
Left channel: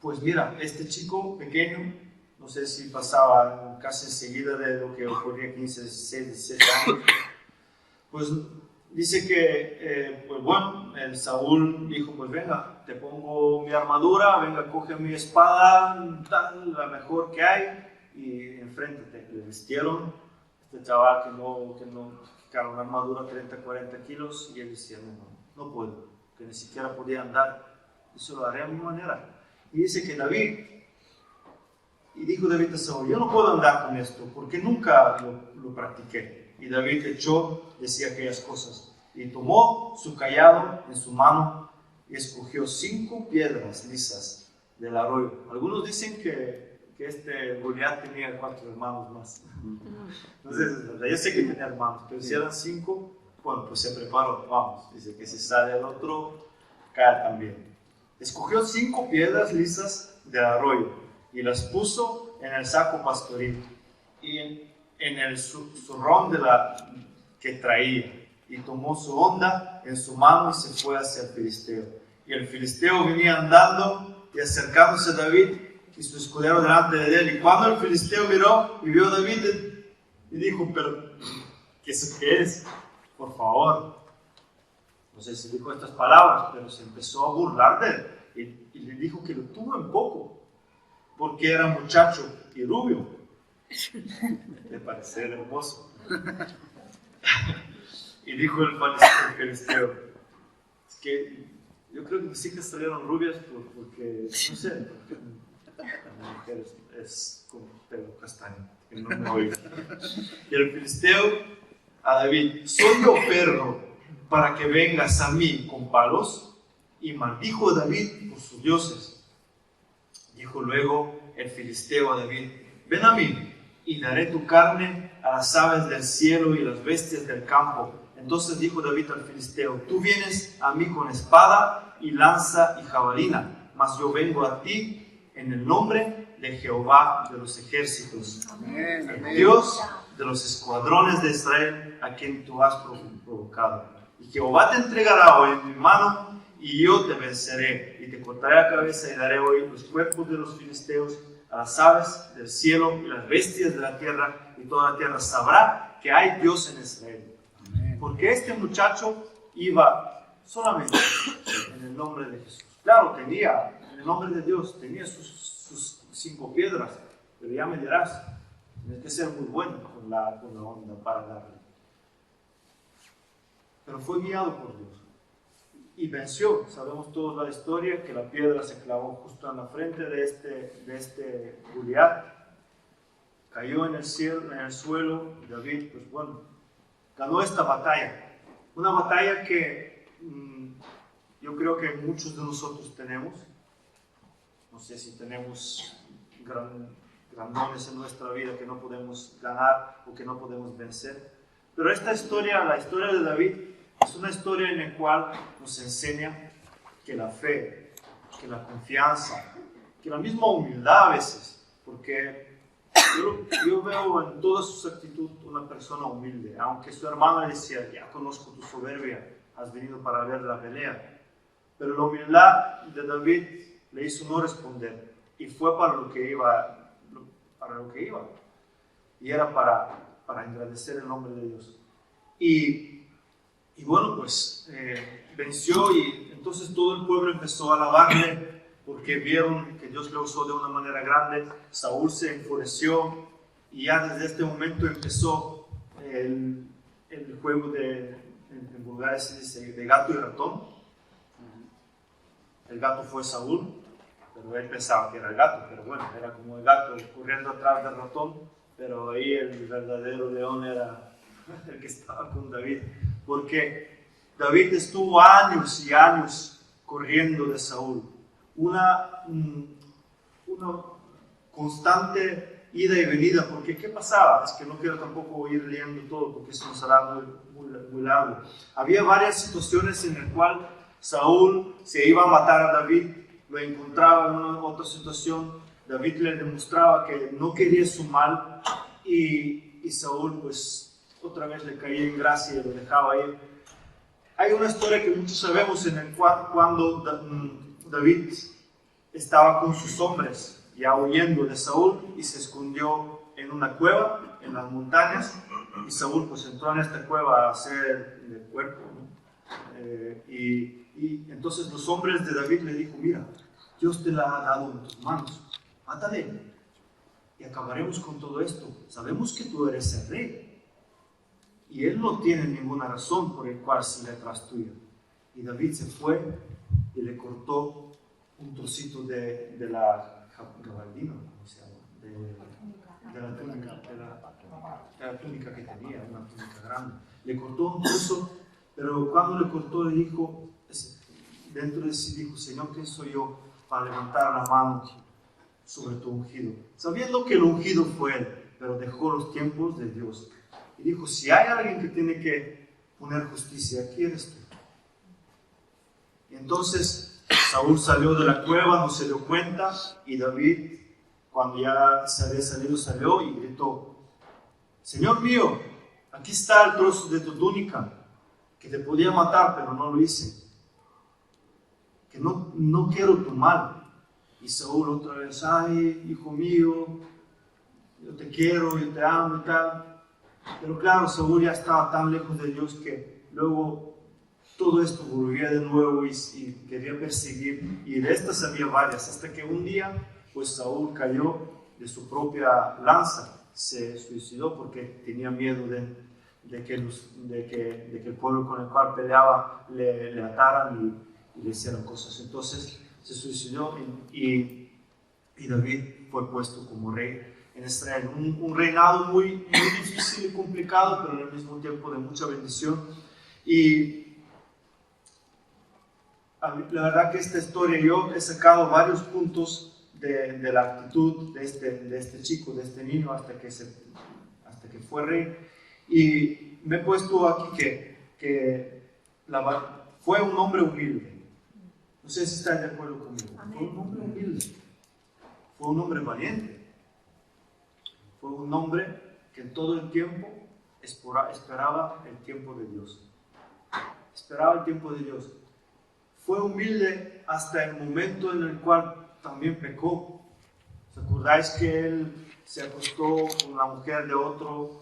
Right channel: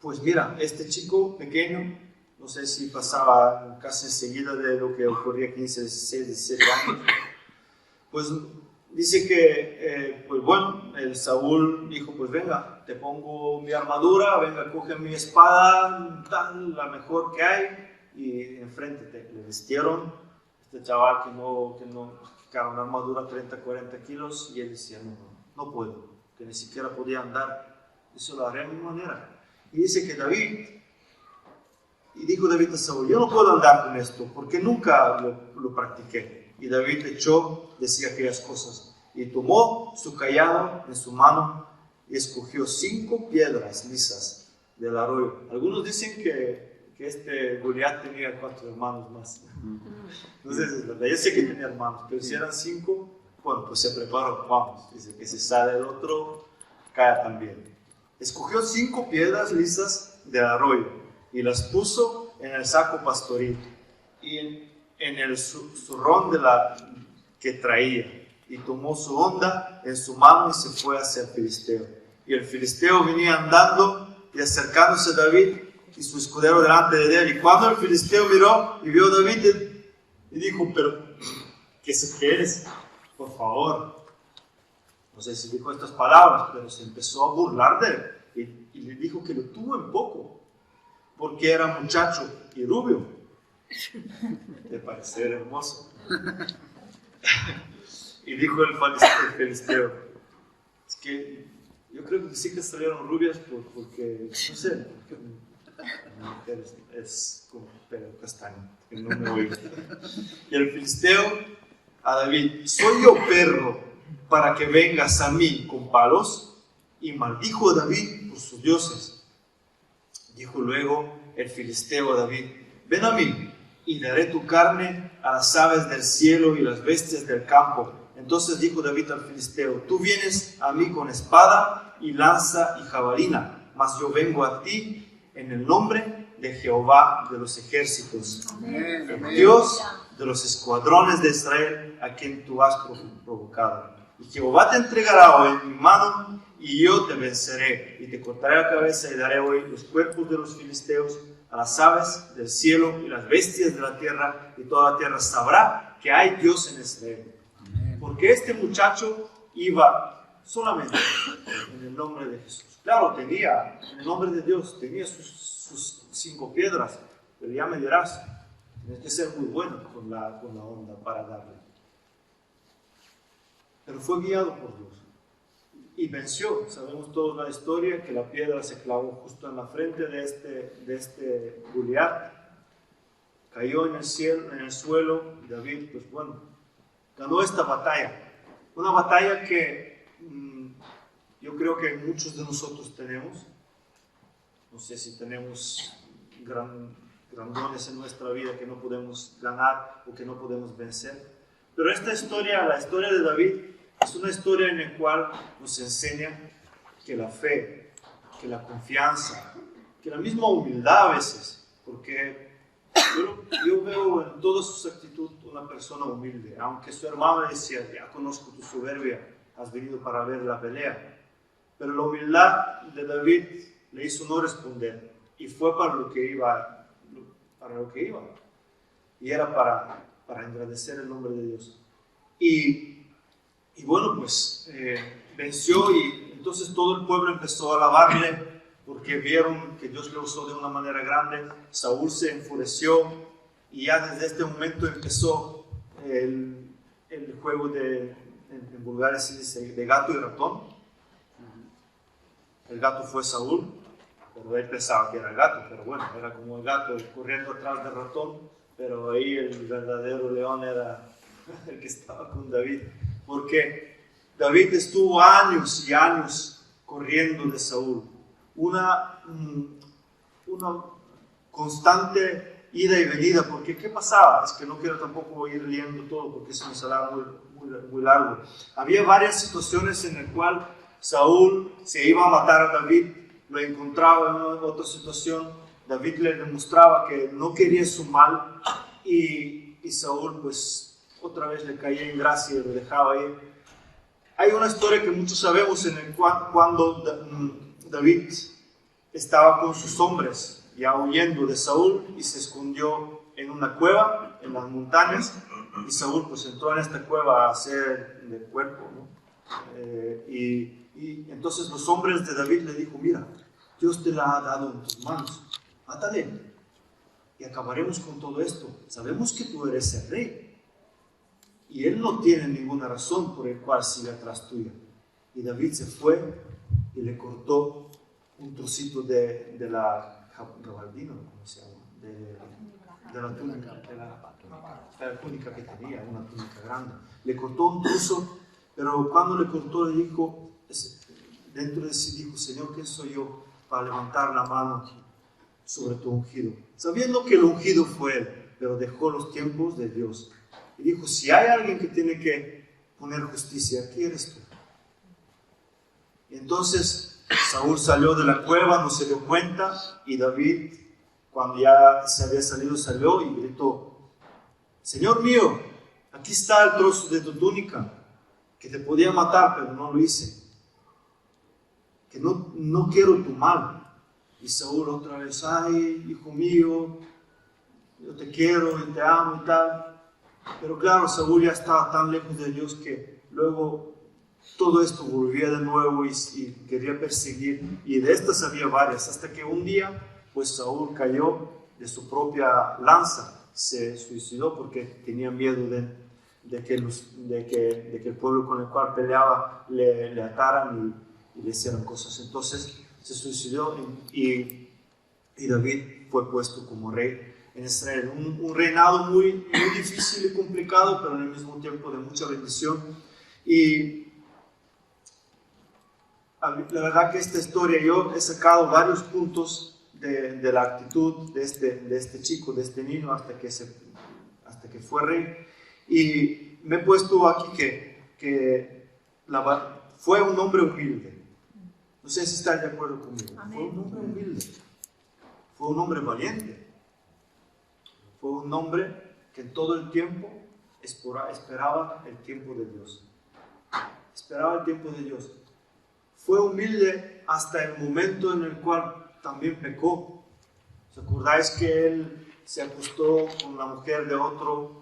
pues mira, este chico pequeño, no sé si pasaba casi enseguida de lo que ocurría 15, 16, 17 años, pues dice que, pues bueno, el Saúl dijo, pues venga, te pongo mi armadura, venga, coge mi espada, la mejor que hay, y enfréntete. Le vistieron este chaval que era una armadura 30, 40 kilos, y él decía, no puedo, que ni siquiera podía andar, eso lo haré a mi manera. Y dice que dijo David a Saúl, yo no puedo andar con esto, porque nunca lo practiqué. Y David decía aquellas cosas, y tomó su cayado en su mano, y escogió 5 piedras lisas del arroyo. Algunos dicen que este Goliat tenía 4 hermanos más. No sé si es verdad, yo sé que tenía hermanos, pero si eran 5, bueno, pues se preparó, vamos, dice que si sale el otro, cae también. Escogió 5 piedras lisas del arroyo, y las puso en el saco pastoril, y en el zurrón que traía, y tomó su honda en su mano y se fue hacia el filisteo. Y el filisteo venía andando y acercándose a David y su escudero delante de él. Y cuando el filisteo miró y vio a David, y dijo, pero ¿qué es? Por favor. No sé si dijo estas palabras, pero se empezó a burlar de él y le dijo que lo tuvo en poco, porque era muchacho y rubio. De parecer hermoso. Y dijo el filisteo, es que yo creo que mis hijas salieron rubias porque, no sé, porque la mujer es con pelo castaño, que no me oiga. Y el filisteo a David, ¿soy yo perro para que vengas a mí con palos? Y maldijo a David por sus dioses. Dijo luego el filisteo a David, ven a mí y daré tu carne a las aves del cielo y las bestias del campo. Entonces dijo David al filisteo, tú vienes a mí con espada y lanza y jabalina, mas yo vengo a ti en el nombre de Jehová de los ejércitos, amén, el Dios de los escuadrones de Israel, a quien tú has provocado. Y Jehová te entregará hoy en mi mano, y yo te venceré, y te cortaré la cabeza, y daré hoy los cuerpos de los filisteos a las aves del cielo y las bestias de la tierra, y toda la tierra sabrá que hay Dios en Israel. Amén. Porque este muchacho iba solamente en el nombre de Jesús. Claro, tenía, en el nombre de Dios, tenía sus 5 piedras, pero ya me dirás, tienes que ser muy bueno con la onda para darle. Pero fue guiado por Dios y venció. Sabemos todos la historia, que la piedra se clavó justo en la frente de este Goliat, cayó en el suelo, y David, pues bueno, ganó esta batalla. Una batalla que yo creo que muchos de nosotros tenemos. No sé si tenemos grandones en nuestra vida que no podemos ganar o que no podemos vencer. Pero esta historia, la historia de David, es una historia en la cual nos enseña que la fe, que la confianza, que la misma humildad a veces, porque yo veo en toda su actitud una persona humilde, aunque su hermano decía, ya conozco tu soberbia, has venido para ver la pelea, pero la humildad de David le hizo no responder, y fue para lo que iba, y era para engrandecer el nombre de Dios. Y bueno, pues venció, y entonces todo el pueblo empezó a alabarle porque vieron que Dios le usó de una manera grande. Saúl se enfureció y ya desde este momento empezó el juego en Bulgaria se dice de gato y ratón. El gato fue Saúl, pero él pensaba que era el gato, pero bueno, era como el gato corriendo atrás del ratón. pero ahí el verdadero león era el que estaba con David, porque David estuvo años y años corriendo de Saúl, una constante ida y venida, porque ¿qué pasaba? Es que no quiero tampoco ir leyendo todo, porque eso nos hará muy largo. Había varias situaciones en las cuales Saúl se iba a matar a David, lo encontraba en otra situación, David le demostraba que no quería su mal, y Saúl pues otra vez le caía en gracia y lo dejaba ir. Hay una historia que muchos sabemos en el cual cuando David estaba con sus hombres ya huyendo de Saúl y se escondió en una cueva en las montañas, y Saúl pues entró en esta cueva a hacer de cuerpo, ¿no? Y entonces los hombres de David le dijo: mira, Dios te la ha dado en tus manos, mátale y acabaremos con todo esto. Sabemos que tú eres el rey y él no tiene ninguna razón por el cual siga atrás tuya. Y David se fue y le cortó un trocito de la gabardina, ¿cómo se llama? De la túnica que tenía, una túnica grande. Le cortó un trozo, pero cuando le cortó le dijo, dentro de sí dijo: Señor, ¿quién soy yo para levantar la mano sobre tu ungido? Sabiendo que el ungido fue él, pero dejó los tiempos de Dios. Y dijo: si hay alguien que tiene que poner justicia, aquí eres tú. Y entonces Saúl salió de la cueva, no se dio cuenta, y David, cuando ya se había salido, salió y gritó: Señor mío, aquí está el trozo de tu túnica, que te podía matar, pero no lo hice, que no quiero tu mal. Y Saúl otra vez: ay, hijo mío, yo te quiero, yo te amo y tal. Pero claro, Saúl ya estaba tan lejos de Dios que luego todo esto volvía de nuevo y quería perseguir, y de estas había varias, hasta que un día pues Saúl cayó de su propia lanza, se suicidó porque tenía miedo de que el pueblo con el cual peleaba le ataran y le hicieran cosas. Entonces se suicidó y David fue puesto como rey en Israel. Un reinado muy difícil y complicado, pero en el mismo tiempo de mucha bendición. Y la verdad que esta historia, yo he sacado varios puntos de la actitud de este chico, de este niño, hasta que fue rey. Y me he puesto aquí que fue un hombre humilde. No sé si están de acuerdo conmigo. Fue un hombre humilde. Fue un hombre valiente. Fue un hombre que en todo el tiempo esperaba el tiempo de Dios. Esperaba el tiempo de Dios. Fue humilde hasta el momento en el cual también pecó. ¿Os acordáis que él se acostó con la mujer de otro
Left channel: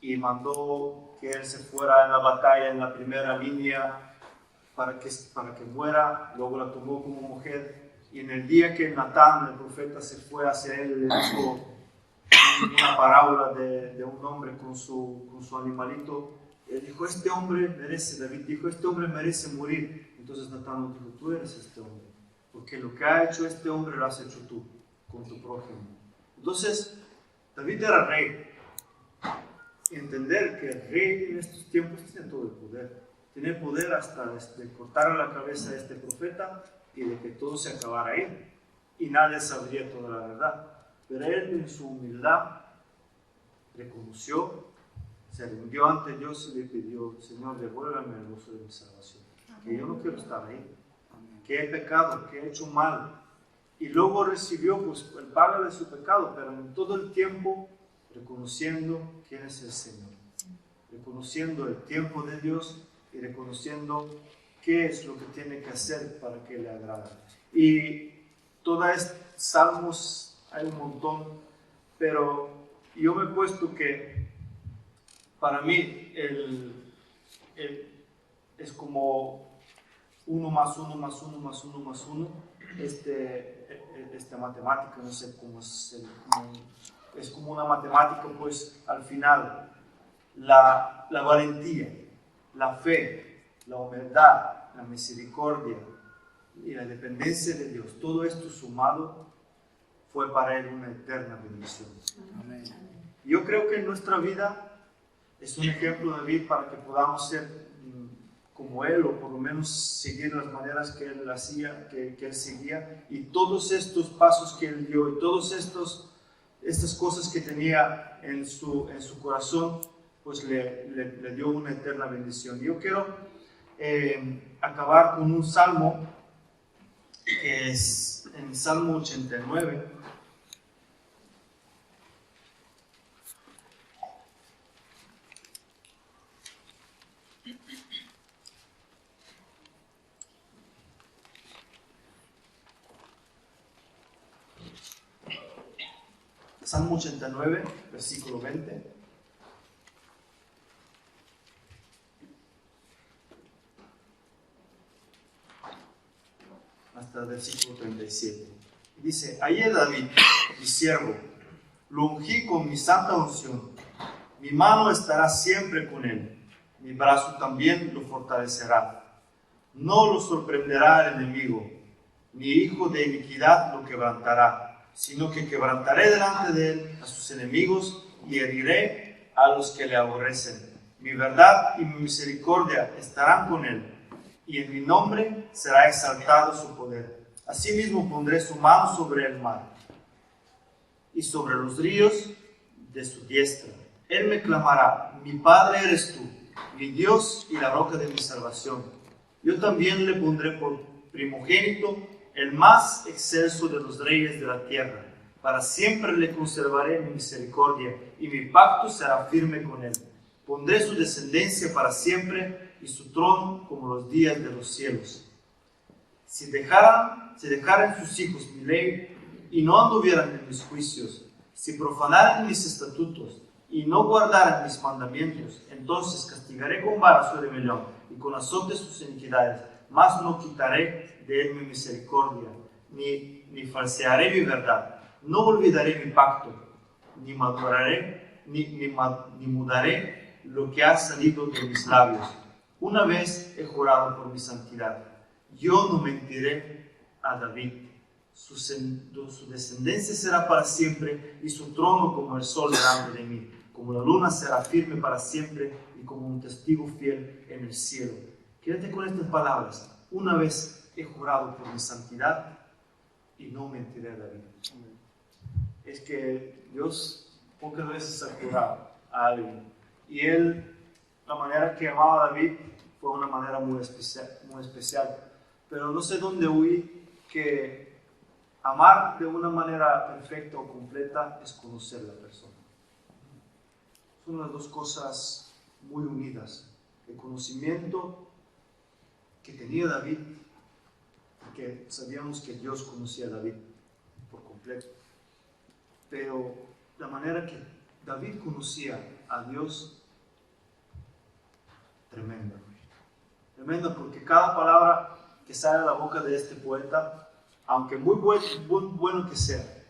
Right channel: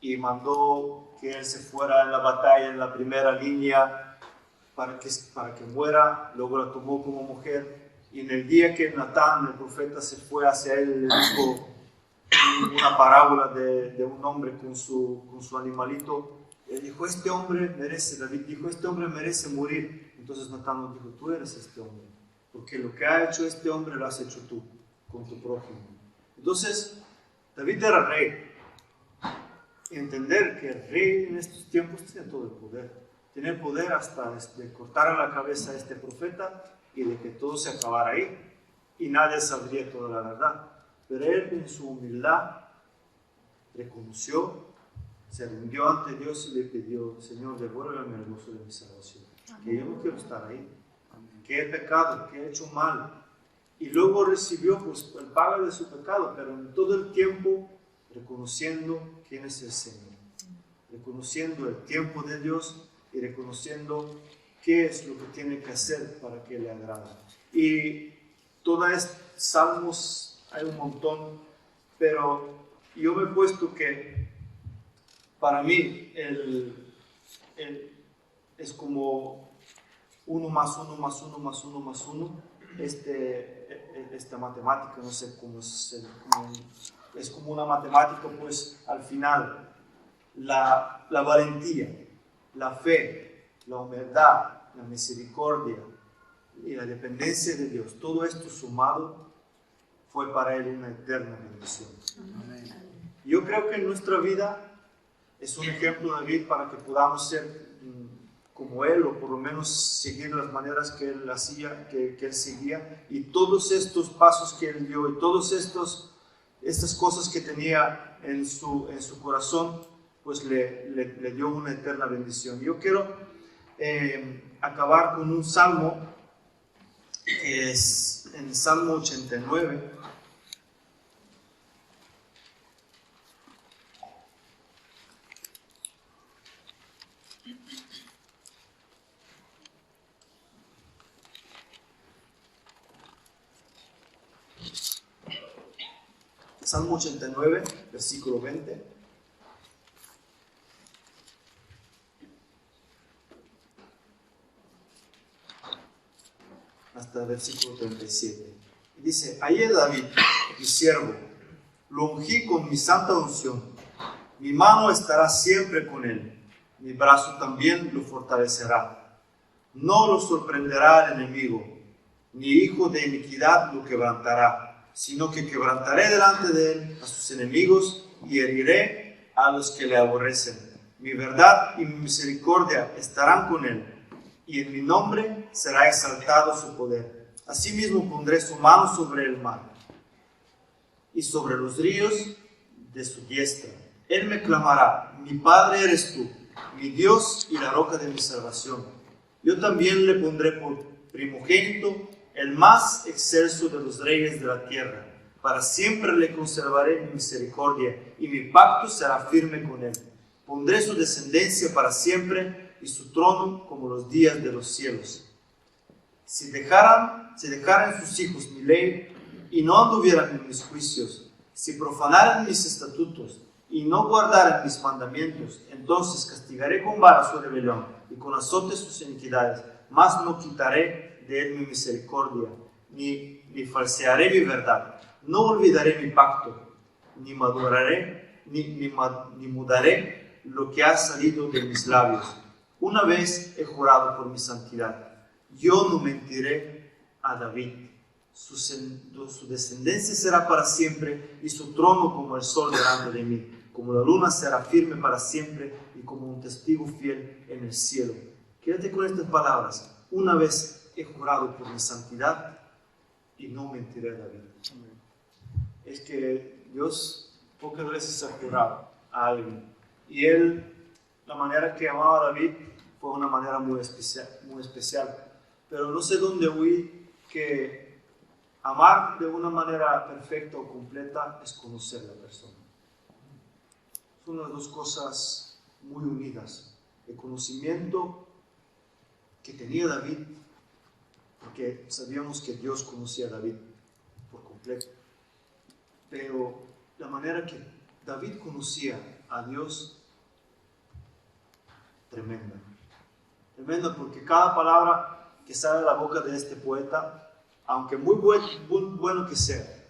y mandó que él se fuera en la batalla, en la primera línea, para que muera? Luego la tomó como mujer, y en el día que Natán, el profeta, se fue hacia él, le dijo una parábola de un hombre con su animalito. Él dijo: este hombre merece, David dijo, este hombre merece morir. Entonces Natán nos dijo: tú eres este hombre, porque lo que ha hecho este hombre lo has hecho tú, con tu prójimo. Entonces, David era rey. Y entender que el rey en estos tiempos tiene todo el poder. Tiene poder hasta de cortar la cabeza a este profeta y de que todo se acabara ahí. Y nadie sabría toda la verdad. Pero él, en su humildad, reconoció, se rindió ante Dios y le pidió: Señor, devuélveme el gozo de mi salvación, que yo no quiero estar ahí, que he pecado, que he hecho mal. Y luego recibió pues el pago de su pecado, pero en todo el tiempo reconociendo quién es el Señor, reconociendo el tiempo de Dios y reconociendo qué es lo que tiene que hacer para que le agrade. Y todos estos salmos, hay un montón, pero yo me he puesto que para mí es como 1 más 1 más 1 más 1 más 1, esta matemática, no sé cómo es como una matemática, pues al final la valentía, la fe, la humildad, la misericordia y la dependencia de Dios, todo esto sumado fue para él una eterna bendición. Amén. Yo creo que en nuestra vida es un ejemplo David para que podamos ser como él, o por lo menos seguir las maneras que él hacía, que él seguía, y todos estos pasos que él dio, y todas estas cosas que tenía en su corazón, pues le dio una eterna bendición. Yo quiero acabar con un salmo, que es en el Salmo 89. Salmo 89, versículo 20. Hasta el versículo 37. Y dice: hallé David, mi siervo, lo ungí con mi santa unción. Mi mano estará siempre con él, mi brazo también lo fortalecerá. No lo sorprenderá el enemigo, ni hijo de iniquidad lo quebrantará, sino que quebrantaré delante de él a sus enemigos y heriré a los que le aborrecen. Mi verdad y mi misericordia estarán con él, y en mi nombre será exaltado su poder. Asimismo pondré su mano sobre el mar y sobre los ríos de su diestra. Él me clamará: mi Padre eres tú, mi Dios y la roca de mi salvación. Yo también le pondré por primogénito, el más excelso de los reyes de la tierra. Para siempre le conservaré mi misericordia, y mi pacto será firme con él. Pondré su descendencia para siempre, y su trono como los días de los cielos. Si dejaran sus hijos mi ley, y no anduvieran en mis juicios, si profanaran mis estatutos, y no guardaran mis mandamientos, entonces castigaré con vara su rebelión, y con azotes sus iniquidades, mas no quitaré de él mi misericordia, ni falsearé mi verdad. No olvidaré mi pacto, ni mudaré lo que ha salido de mis labios. Una vez he jurado por mi santidad: yo no mentiré a David. Su descendencia será para siempre, y su trono como el sol delante de mí. Como la luna será firme para siempre, y como un testigo fiel en el cielo. Quédate con estas palabras: una vez he jurado por mi santidad, y no mentiré a David. Es que Dios pocas veces ha jurado a alguien, y él, la manera que amaba a David fue una manera muy especial. Pero no sé dónde oí que amar de una manera perfecta o completa es conocer a la persona. Son las dos cosas muy unidas: el conocimiento que tenía David, porque sabíamos que Dios conocía a David por completo, pero la manera que David conocía a Dios, tremenda, porque cada palabra que sale de la boca de este poeta, aunque muy bueno que sea,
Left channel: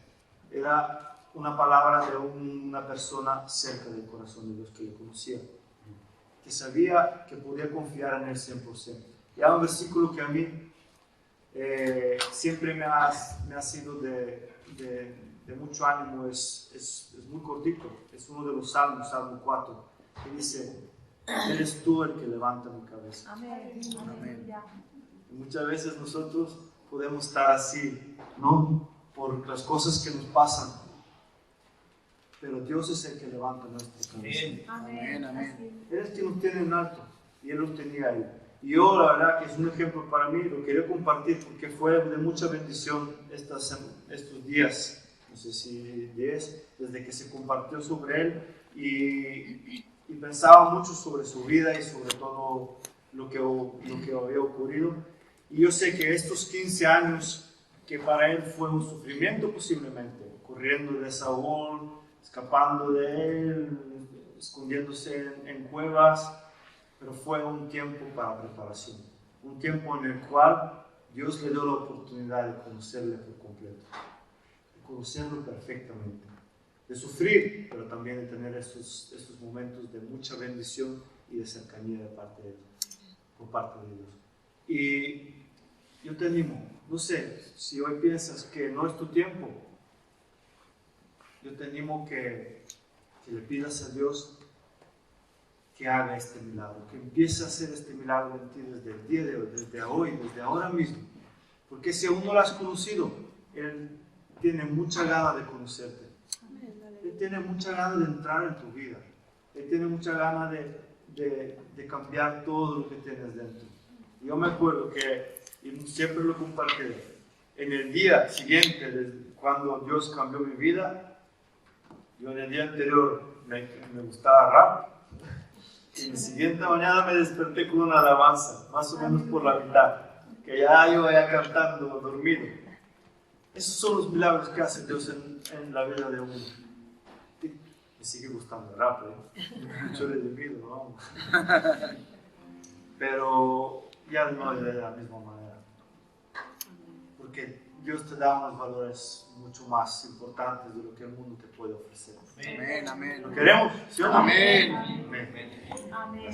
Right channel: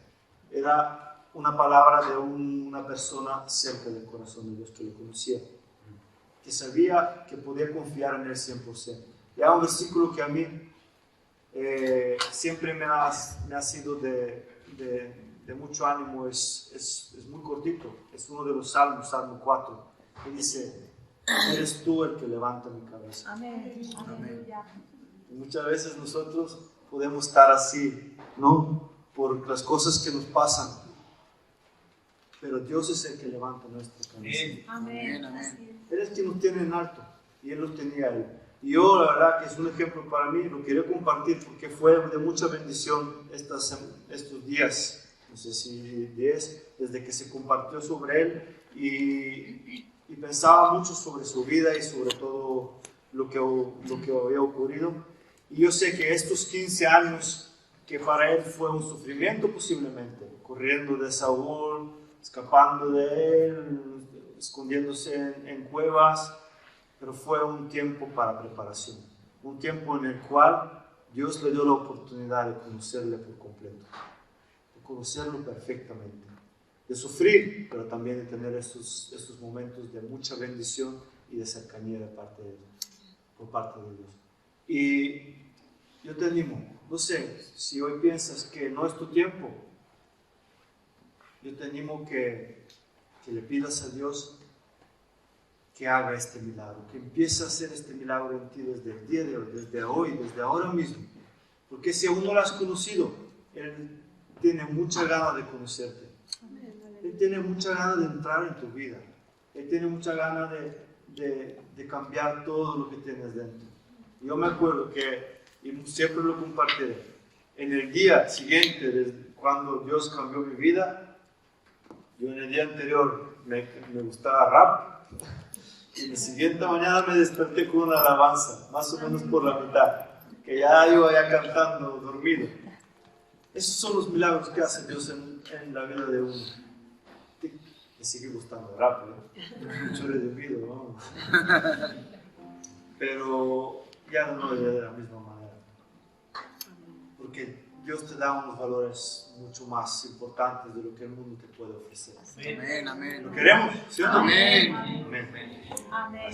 era una palabra de una persona cerca del corazón de Dios, que le conocía, que sabía que podía confiar en él 100%. Y hay un versículo que a mí siempre me ha sido de mucho ánimo, es muy cortito, es uno de los salmos, Salmo 4, que dice: eres tú el que levanta mi cabeza. Amén. Amén. Y muchas veces nosotros podemos estar así, ¿no? Por las cosas que nos pasan, pero Dios es el que levanta nuestra cabeza. Amén. Él es quien nos tiene en alto, y Él los tenía a Él. Y yo, la verdad, que es un ejemplo para mí, lo quería compartir porque fue de mucha bendición estos días, no sé si 10, desde que se compartió sobre Él, y pensaba mucho sobre su vida y sobre todo lo que había ocurrido. Y yo sé que estos 15 años, que para él fue un sufrimiento posiblemente, corriendo de Saúl, escapando de él, escondiéndose en cuevas, pero fue un tiempo para preparación, un tiempo en el cual Dios le dio la oportunidad de conocerle por completo, de conocerlo perfectamente, de sufrir, pero también de tener estos momentos de mucha bendición y de cercanía por parte de Dios. Y yo te animo, no sé, si hoy piensas que no es tu tiempo, yo te animo que que le pidas a Dios que haga este milagro, que empiece a hacer este milagro en ti desde el día de hoy, desde ahora mismo. Porque si aún no lo has conocido, Él tiene mucha gana de conocerte. Él tiene mucha gana de entrar en tu vida. Él tiene mucha gana de cambiar todo lo que tienes dentro. Yo me acuerdo que, y siempre lo compartiré, en el día siguiente, cuando Dios cambió mi vida, yo en el día anterior me gustaba rap, y la siguiente mañana me desperté con una alabanza, más o menos por la mitad, que ya iba cantando dormido. Esos son los milagros que hace Dios en la vida de uno. Me sigue gustando el rap, mucho redimido, vamos. Pero ya no es de la misma manera. Porque Dios te da unos valores mucho más importantes de lo que el mundo te puede ofrecer. Amén, amén. ¿Lo queremos? ¿Sí o no? Amén. Amén. Amén.